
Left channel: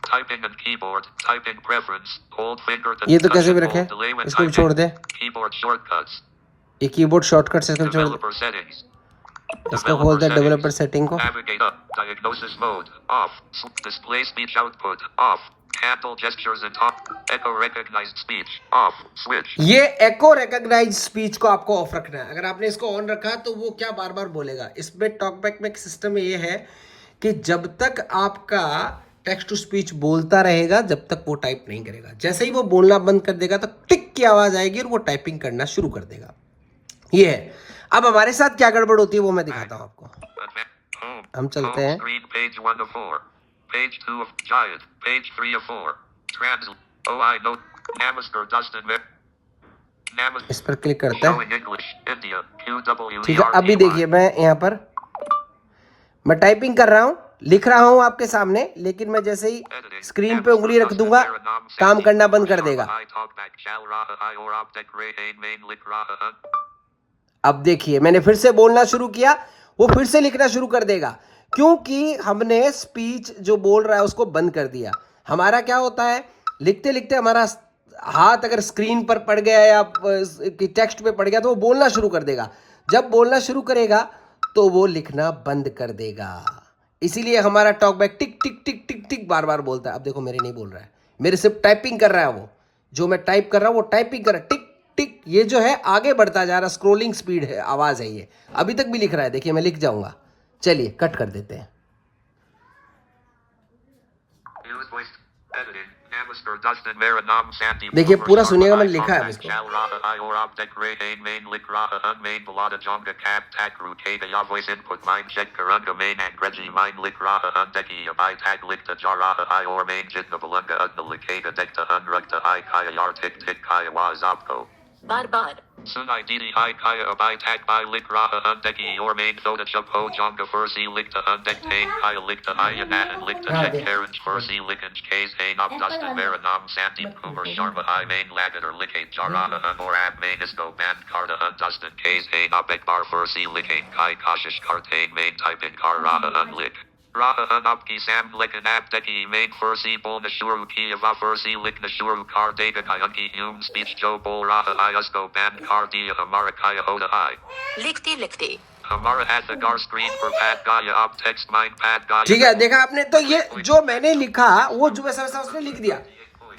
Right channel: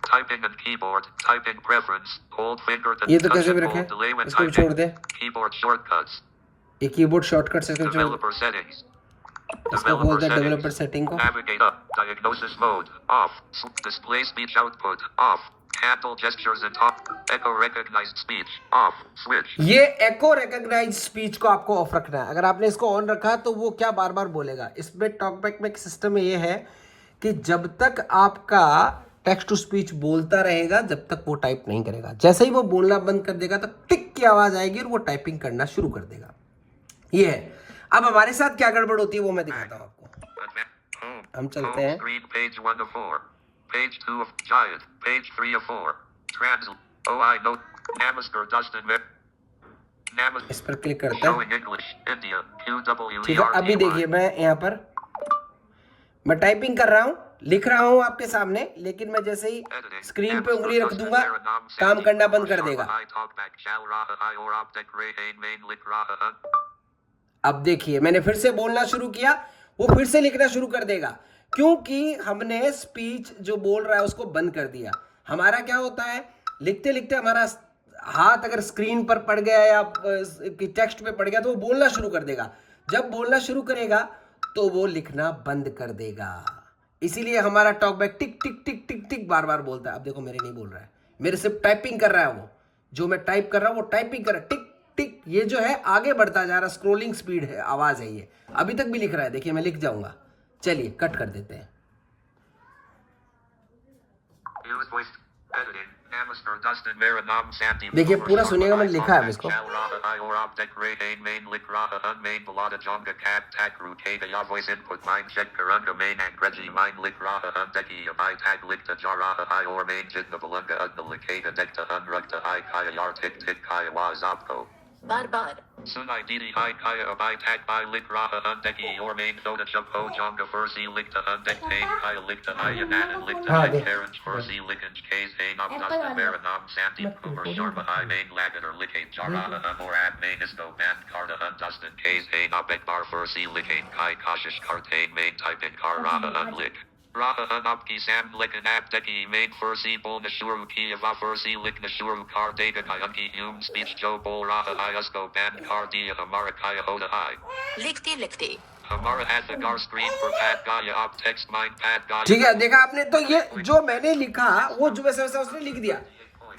Typing and keyboard. Typing preference. Hold finger to ये तो touch कैसे भी and रखे, hold delay when इसको भी छोड़ typing. दे। Keyboard shortcuts. ये keyboard shortcut से इसको छोड़ दे। Developer settings. इसको खोल दे डेवलपर सेटिंग को। Navigate up. Diagnosis mode. Off. Display speech output. Off. Handle gestures and talk. Echo recognized speech. Off. Switch. ये एको रिकॉग्नाइज स्पीच को आपको ऑफ रखना है। अगर आपने इसको ऑन रखा तो वो क्या बार बार बोलेगा। इसमें टॉकबैक में एक सिस्टम ये है कि जब तक आपका टेक्स्ट टू स्पीच बोलता रहेगा जब तक वो टाइप नहीं करेगा। जैसे ही वो बोलना बंद कर देगा तो टिक की आवाज आएगी और वो टाइपिंग करना शुरू कर देगा। ये है। अब हमारे साथ क्या गड़बड़ होती है वो मैं दिखाता हूँ आपको। Home. हम चलते हैं। Screen page 1 of 4. Page 2 of Giant. Page 3 of 4. Translate. Oh, I know. Namaskar Dustin. Namaskar. इस पर क्लिक करते हैं। Showing English. India. QWERTY. ठीक है, अभी देखिए मैं यहाँ पर मैं टाइपिंग कर रहा हूँ, लिख रहा हूँ आपके सामने, लेकिन मैं जैसे ही स्क्रीन पे उंगली रख दूंगा काम करना बंद कर देगा। अब देखिए मैंने फिर से बोलना शुरू किया, वो फिर से लिखना शुरू कर देगा, क्योंकि हमने स्पीच जो बोल रहा है उसको बंद कर दिया। हमारा क्या होता है, लिखते लिखते हमारा हाथ अगर स्क्रीन पर पड़ गया या टेक्स्ट पे पड़ गया तो वो बोलना शुरू कर देगा। जब बोलना शुरू करेगा तो वो लिखना बंद कर देगा। इसीलिए हमारा टॉकबैक टिक टिक टिक टिक टिक बार बार बोलता है। अब देखो मेरे नहीं बोल रहा है, मेरे सिर्फ टाइपिंग कर रहा है। वो जो मैं टाइप कर रहा हूँ वो टाइपिंग कर रहा है, टिक टिक। ये जो है आगे बढ़ता जा रहा, स्क्रोलिंग स्पीड है, आवाज है ये। अभी तक भी लिख रहा है, देखिए मैं लिख जाऊंगा। चलिए कट कर देते हैं। देखिए पूरा सुनिएगा, मैंने लिखा है इसको। बार बार Sunai Didi Hai Kaya Abai Tag Bai Lik Raha Undeki or Main Thoda Chubho Jonga Fursi Likta Undek Tain Kaya Likta Ayanan and Likta Jet Karens Fursi Likens Kays Hain Up Dustin Maranam Sandeep Kumar Sharma Hai Main Lagat or Likate Jarana or Ab Main Isco Man Karda Dustin Kays Hain Up Ekbar Fursi Likate Kai Kashish Kartain Main Type in Karana Unlik. Raha Unapki Sam Likan Abdeki Main Fursi Bol Nashuru Kiava Fursi Lik Nashuru Kar Dega Kayunki Hum Speech Joe Bol Raha Iasco Ban Kar Dia Hamara Kaya Hoda Hai. लिखते लिखते Hamara at the gar screen for Pad Gaya Op Text Mind Pad Gaya. ठीक है, देखा आपने। तो ये जो मैंने लिखा वो जो वैसा वैसा उसने लिख दिया।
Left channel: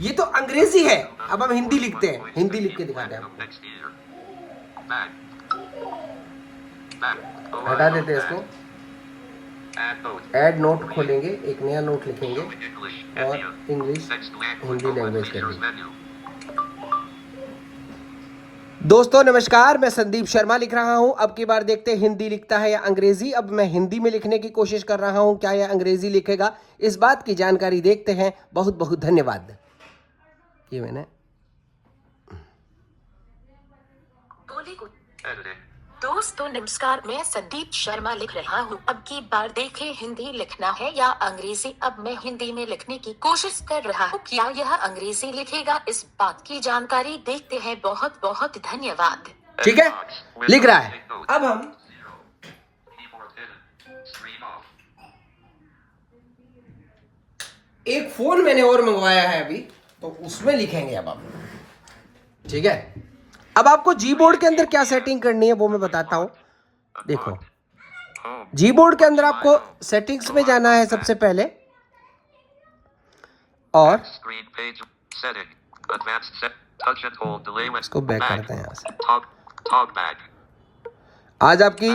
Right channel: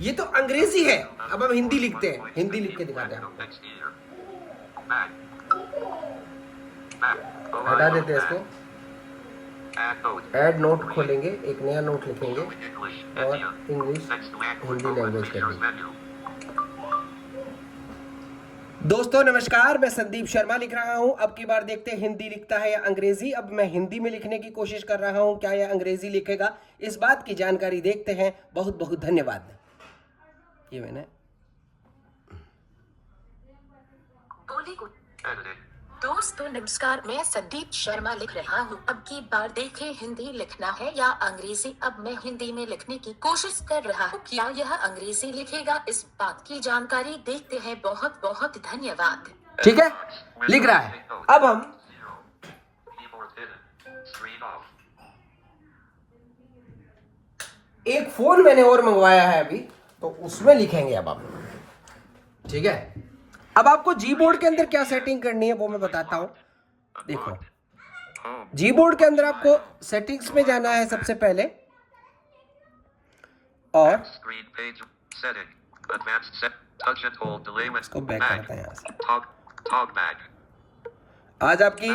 ये तो अंग्रेजी है, अब हम हिंदी लिखते हैं। हिंदी लिख के दिखाते हैं आपको। हटा देते हैं इसको। ऐड नोट खोलेंगे, एक नया नोट लिखेंगे और इंग्लिश हिंदी लैंग्वेज करेंगे। दोस्तों नमस्कार, मैं संदीप शर्मा लिख रहा हूं। अब की बार देखते हैं हिंदी लिखता है या अंग्रेजी। अब मैं हिंदी में लिखने की कोशिश कर रहा हूं, क्या यह अंग्रेजी लिखेगा, इस बात की जानकारी देखते हैं। बहुत बहुत धन्यवाद। ये मैंने दोस्तों नमस्कार, मैं संदीप शर्मा लिख रहा हूँ। अब की बार देखें हिंदी लिखना है या अंग्रेजी। अब मैं हिंदी में लिखने की कोशिश कर रहा हूँ, क्या यह अंग्रेजी लिखेगा, इस बात की जानकारी देखते हैं। बहुत बहुत धन्यवाद। ठीक है, लिख रहा है। अब हम एक फोन मैंने और मंगवाया है अभी, तो उसमें लिखेंगे अब हम। ठीक है, अब आपको जी बोर्ड के अंदर क्या सेटिंग करनी है वो मैं बताता हूँ। देखो Home. जी बोर्ड के अंदर आपको सेटिंग्स में जाना है सबसे पहले, और Screen page. Setting. Advanced set. Touch and hold. Delay with. इसको बैक Back. करते हैं यहाँ से। Talk back. आज आपकी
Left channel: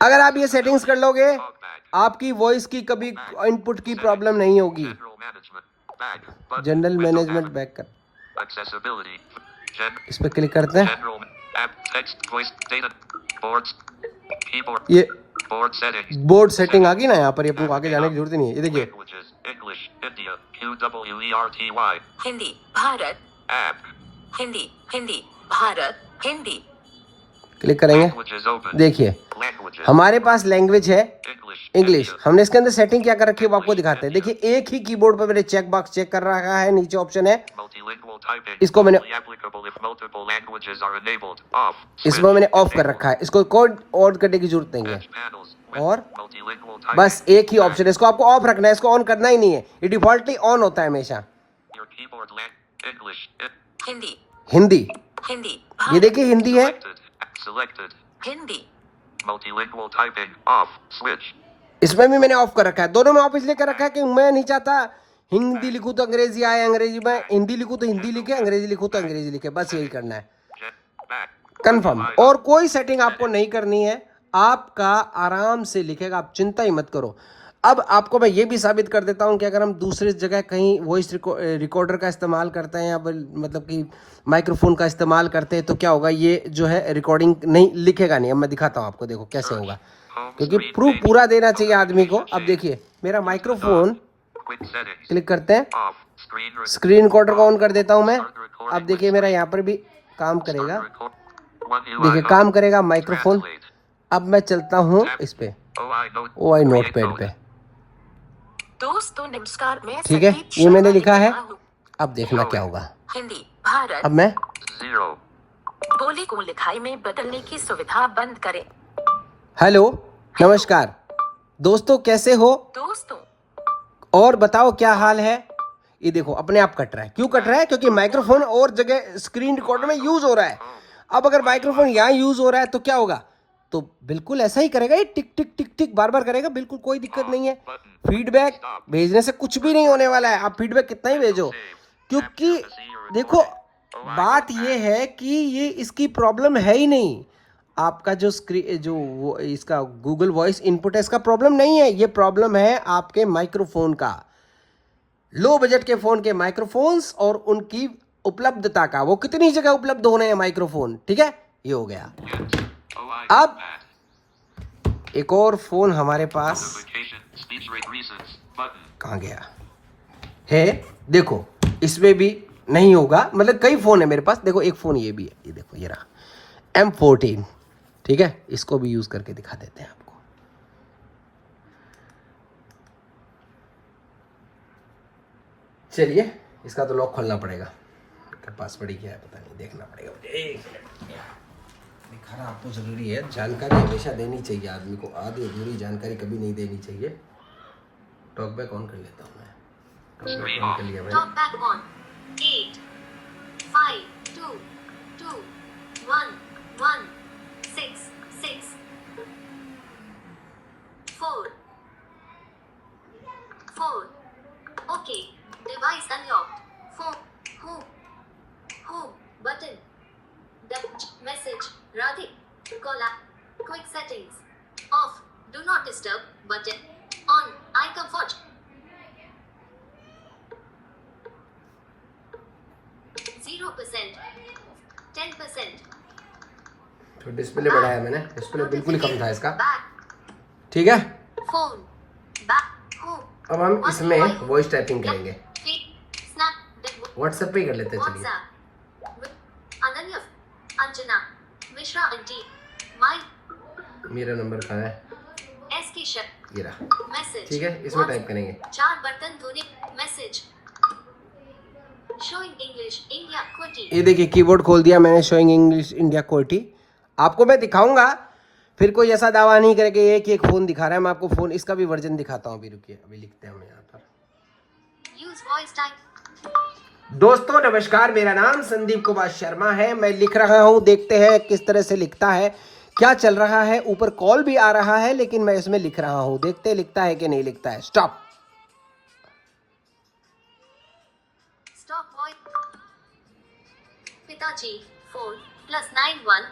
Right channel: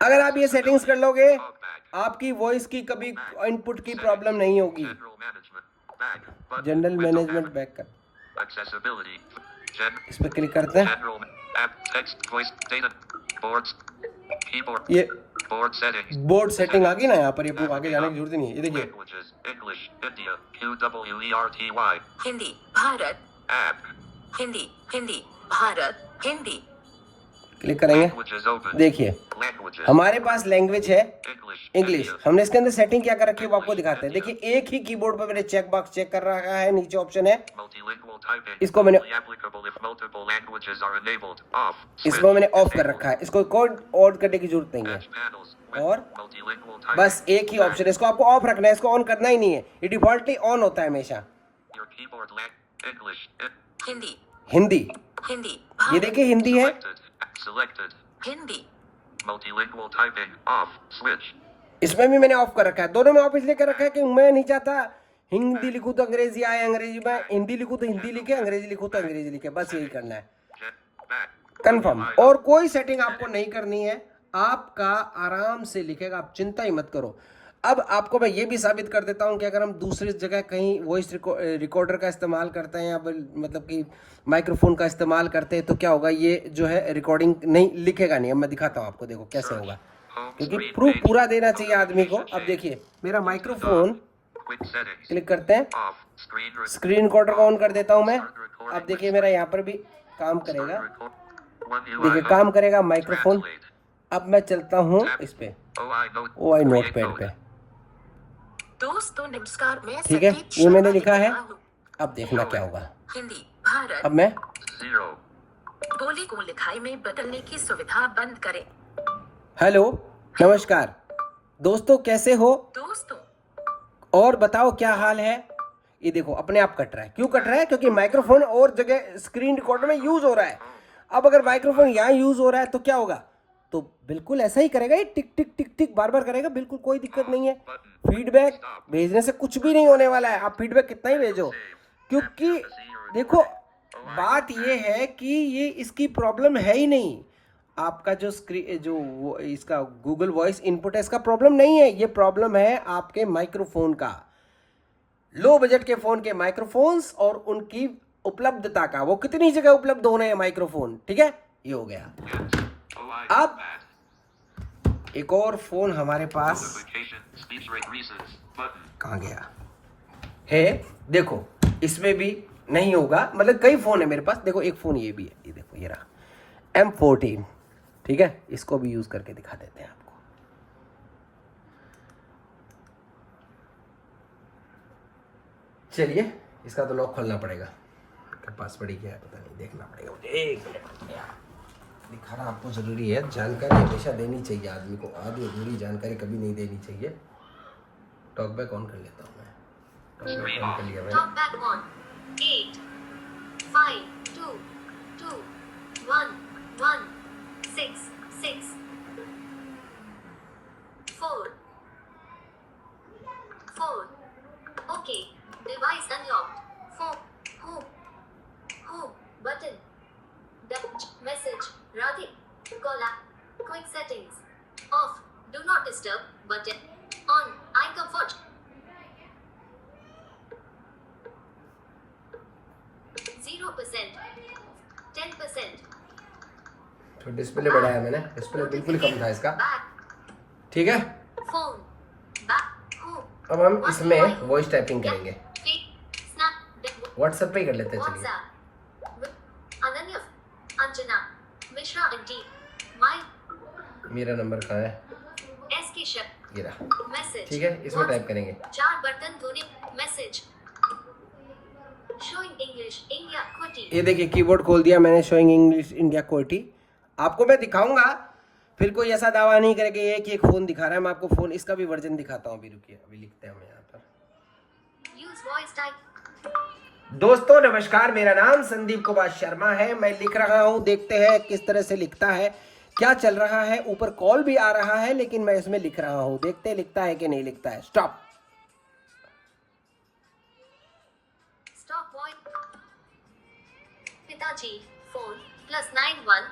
अगर आप ये सेटिंग्स कर लोगे Talk back. आपकी वॉइस की कभी इनपुट की प्रॉब्लम नहीं होगी। General management. Back. Button. General Window management panel. Back कर, Accessibility. इस पर क्लिक करते हैं। General. App. Text. Voice. Data. Boards. Keyboard. ये Board settings. बोर्ड सेटिंग आ गई ना, यहाँ पर ये आपको आगे जाने की जरूरत ही नहीं है। ये देखिए Languages. English. India. QWERTY. Hindi Bharat, App. Hindi Hindi Bharat, Hindi. Click करेंगे, Languages open. देखिए Languages. हमारे पास लैंग्वेज है English. इंग्लिश। India. हमने इसके अंदर सेटिंग क्या कर रखी है वो आपको दिखाते हैं। देखिए एक ही कीबोर्ड पर मैंने चेक बॉक्स चेक कर रखा है, नीचे ऑप्शन है, Multilingual typing. इसको मैंने Only applicable if multiple languages are enabled. Off. इसमें मैंने ऑफ कर रखा है, इसको कोड ऑन करने की जरूरत नहीं है। Edge panels. With और multilingual typing. बस एक ही ऑप्शन है, इसको आपको ऑफ रखना है, इसको ऑन करना ही नहीं है। ये डिफॉल्टली ऑन होता है हमेशा। Your keyboard English. Hindi Hindi, Hindi ये भारत, देखिए हिंदी है, Selected. Selected. Hindi Multilingual typing. Off. Switch. इसमें भी मैंने ऑफ कर रखा है। दोनों में ऑफ इसलिए कर रखा है कि मैं नहीं चाहता हिंदी लिखूं तो अंग्रेजी आए, अंग्रेजी में हिंदी लिखूं तो हिंदी लिखे, अंग्रेजी लिखूं तो अंग्रेजी लिखे, बस यही करना है। Back. कंफर्म, और कोई सेटिंग आपको नहीं करनी है, आपका आराम से लिखेगा, आप चिंता ही मत करो। अब आपको मैं ये भी साबित कर देता हूँ कि अगर हम दूसरी जगह कहीं वॉइस रिकॉर्डर का इस्तेमाल करते हैं या मतलब कि माइक्रोफोन का इस्तेमाल करते हैं तो क्या होगा, ये जो है रिकॉर्डिंग नहीं लिखेगा नहीं। अब मैं दिखाता हूँ आपको, देखो कैसे होगा, क्योंकि प्रूफ पूरा देना चाहिए आदमी को। अब देखिए मेरा माइक्रोफोन, Quick settings. क्लिक करते हैं, Off. Screen record. Screen recorder को ऑन कर देता हूँ मैं। अब देखिए मेरा यहाँ पर भी काम करेगा, देखिए काम करेगा माइक्रोफोन। Translate. अब मैं चलता हूँ इस पे OI नोट पैड पे, दोस्तों नमस्कार, मैं ठीक है, संदीप ये मैंने शर्मा लिखा है। लिख रहा हूँ। अब देखना क्या होगा। हिंदी भारत, अब मैं 0. बोली को लिखाई में बदलने की सुविधा बंद करें। हेलो नमस्कार दोस्तों, कैसे हो दोस्तों और बताओ क्या हाल है। ये देखो अपने आप कट रहा है, क्यों कट रहा है, क्योंकि माइक्रोफोन और जगह स्क्रीन रिकॉर्डर में यूज हो रहा है। अब अगर माइक्रोफोन यहाँ यूज हो रहा है तो क्या होगा, तो बिल्कुल ऐसा ही करेगा, ये टिक टिक टिक टिक बार बार करेगा, बिल्कुल कोई दिक्कत नहीं है। फीडबैक भेजने से कुछ भी नहीं होने वाला है, आप फीडबैक कितना ही भेजो, क्योंकि देखो बात ये है कि ये इसकी प्रॉब्लम है ही नहीं। आपका जो वो इसका गूगल वॉइस इनपुट है, इसका प्रॉब्लम नहीं है, ये प्रॉब्लम है आपके माइक्रोफोन का, लो बजट के फोन के माइक्रोफोन्स और उनकी उपलब्धता का, वो कितनी जगह उपलब्ध हो रहे हैं माइक्रोफोन, ठीक है। ये हो गया। अब एक और फोन हमारे पास कहाँ गया है, देखो इसमें भी नहीं होगा, मतलब कई फोन है मेरे पास। देखो एक फोन ये भी है, ये देखो ये रहा M14, ठीक है, इसको भी यूज करके दिखा देते हैं आपको। चलिए इसका तो लॉक खोलना पड़ेगा, पासवर्ड ही क्या है पता नहीं, देखना पड़ेगा मुझे। एक मिनट, दिखाना आपको जरूरी है, जानकारी हमेशा देनी चाहिए आदमी को, आधी अधूरी जानकारी कभी नहीं देनी चाहिए। टॉकबैक ऑन कर लेता हूँ मैं, टॉकबैक ऑन कर लिया मैंने। Talk back on 8 5 2 2 1 1 6 6 4 4. Okay. Device unlocked. 4 home button. That message. Radhi. Call app. Quick settings. Off. Do not disturb button. On. Eye comfort. 0%, 10%. तो डिस्प्ले बढ़ाया मैंने, डिस्प्ले बिल्कुल ही कम था इसका, Back, ठीक है। phone, back, home, अब हम इसमें वॉइस टाइपिंग करेंगे, feed, snap, व्हाट्सएप पे ही कर लेते हैं। चलिए WhatsApp, with Ananya, Anjana, Mishra and T, my मेरा नंबर कहाँ है, S की शब्द, ये रहा, message, ठीक है, इसमें टाइप करेंगे। 4 बटन धुरी, message, showing English, India, QWERTY, ये देखिए कीबोर्ड खोल दिया मैंने, शोइंग इंग्लिश इंडिया QWERTY। आपको मैं दिखाऊंगा, फिर कोई ऐसा दावा नहीं करेगा एक ही एक फ़ोन दिखा रहा है। मैं आपको फ़ोन इसका भी वर्जन दिखाता हूँ, अभी रुकिए, अभी लिखते हैं हम यहाँ पर। use voice type, दोस्तों नमस्कार, मेरा नाम संदीप कुमार शर्मा है। मैं लिख रहा हूं, देखते हैं किस तरह से लिखता है, क्या चल रहा है। ऊपर कॉल भी आ रहा है लेकिन मैं इसमें लिख रहा हूं, देखते हैं लिखता है कि नहीं लिखता है। स्टॉप। स्टॉप वॉइस पिताजी फोन +91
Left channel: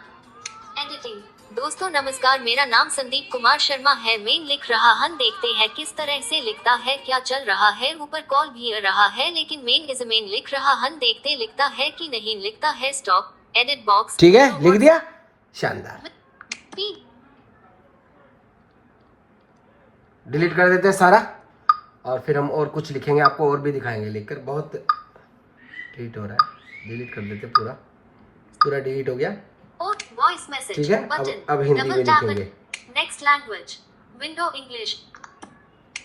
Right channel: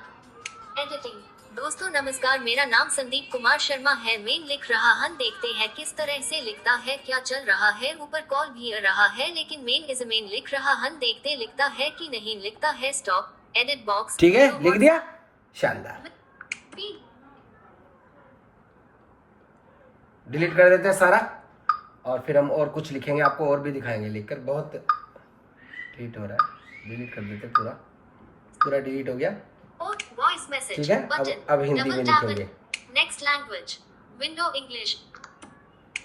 एडिटिंग। दोस्तों नमस्कार, मेरा नाम संदीप कुमार शर्मा है। मैं लिख रहा हूं, देखते हैं किस तरह से लिखता है, क्या चल रहा है। ऊपर कॉल भी आ रहा है लेकिन मैं लिख रहा हूं, देखते लिखता है कि नहीं लिखता है। Stop edit box. ठीक है, लिख दिया, शानदार। डिलीट कर देते हैं सारा और फिर हम और कुछ लिखेंगे, आपको और भी दिखाएंगे लिखकर। बहुत डिलीट हो रहा है, डिलीट कर देते पूरा, पूरा डिलीट हो गया। वॉइस मैसेज ठीक है, अब हिंदी में लिखेंगे। Next language window English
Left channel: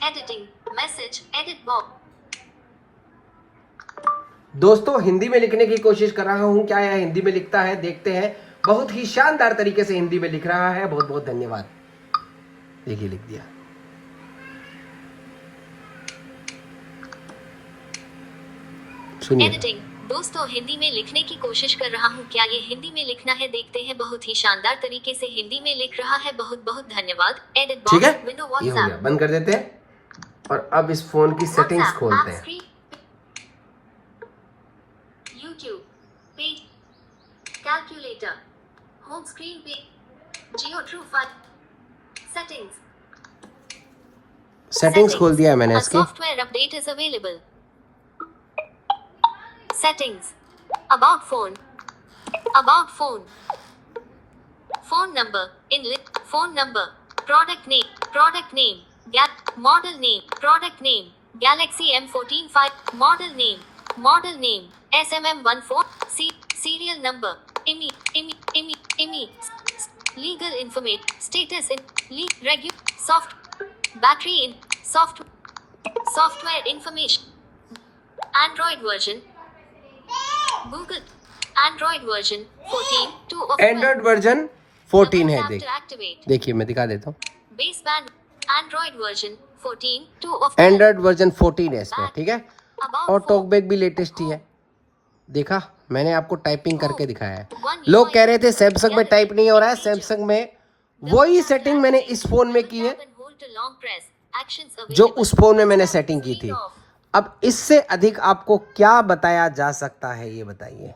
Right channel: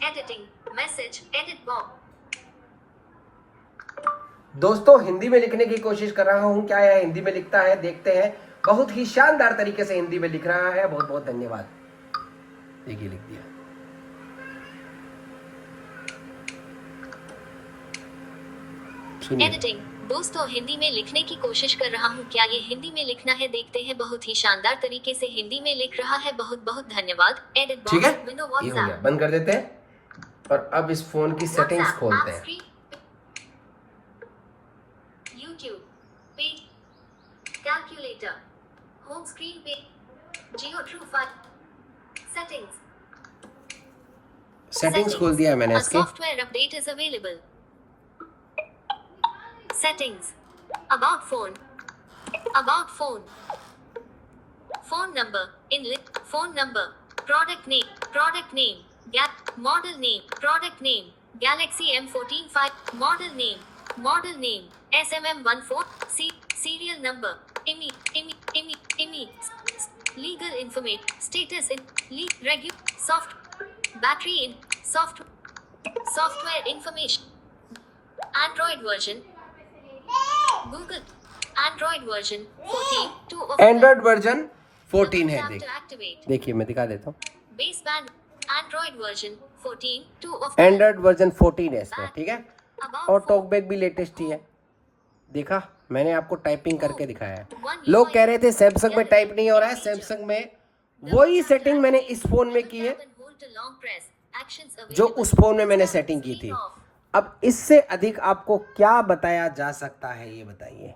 editing message edit box. दोस्तों हिंदी में लिखने की कोशिश कर रहा हूं, क्या यह हिंदी में लिखता है, देखते हैं। बहुत ही शानदार तरीके से हिंदी में लिख रहा है, बहुत बहुत धन्यवाद। देखिए लिख दिया। सुनिए। एडिटिंग। दोस्तों हिंदी में लिखने की कोशिश कर रहा हूँ, क्या ये हिंदी में लिखना है, देखते हैं। बहुत ही शानदार तरीके से हिंदी में लिख रहा है, बहुत बहुत धन्यवाद। एडिट ठीक है, बॉक्स विंडो ये हो गया, बंद कर देते हैं। और अब इस फोन की सेटिंग्स खोलते हैं। यूट्यूब पे कैलकुलेटर होम स्क्रीन पे जियो ट्रू फाइल सेटिंग्स खोल दिया है मैंने इसकी। Software update is available. Settings. About phone. About phone. Phone number. Phone number. Product name. Product name. Model name. Product name. Galaxy M14 5. Model name. Model name. SMM14. Serial number. IMEI. Legal information. Status in. Battery in. Software information. Android version. Google Android version 14 2 of Android version 14 है। activate देखिए मैं दिखा देता हूँ। baseband Android version 14 2 of Android version 14 है इसमें, ठीक है। About और phone. टॉकबैक भी लेटेस्ट ही है। देखा, मैंने आपको टाइपिंग करके दिखाया है। लोग कह रहे थे सैमसंग में टाइप नहीं हो रहा है, सैमसंग में वही सेटिंग मैंने इस फोन में की है जो उस फोन में मैंने सेटिंग की थी। अब इससे अधिक आपको क्या बताया जा सकता है, ये बताइए।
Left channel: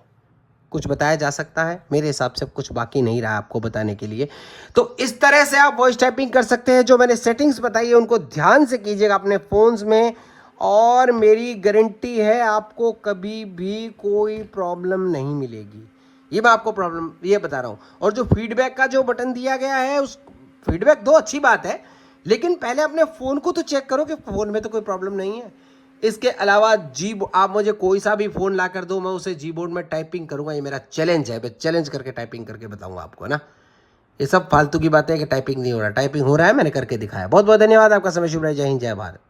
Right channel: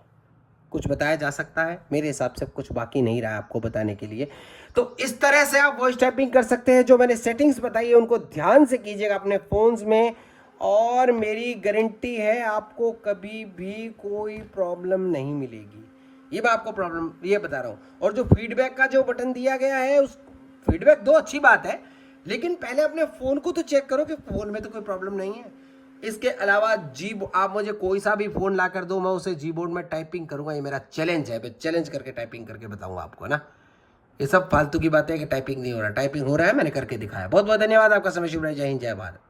कुछ बताया जा सकता है? मेरे हिसाब से कुछ बाकी नहीं रहा आपको बताने के लिए। तो इस तरह से आप वॉइस टाइपिंग कर सकते हैं। जो मैंने सेटिंग्स बताई है उनको ध्यान से कीजिएगा अपने फ़ोन्स में, और मेरी गारंटी है आपको कभी भी कोई प्रॉब्लम नहीं मिलेगी। ये मैं आपको प्रॉब्लम ये बता रहा हूँ। और जो फीडबैक का जो बटन दिया गया है, उस फीडबैक दो, अच्छी बात है, लेकिन पहले अपने फ़ोन को तो चेक करो कि फ़ोन में तो कोई प्रॉब्लम नहीं है। इसके अलावा आप मुझे कोई सा भी फ़ोन ला कर दो, मैं उसे जी-बोर्ड में टाइपिंग करूंगा। ये मेरा चैलेंज है, मैं चैलेंज करके टाइपिंग करके बताऊंगा आपको ना। ये सब फालतू की बातें हैं कि टाइपिंग नहीं हो रहा, टाइपिंग हो रहा है, मैंने करके दिखाया। बहुत बहुत धन्यवाद आपका समय। शुभ रहे, जय हिंद, जय भारत।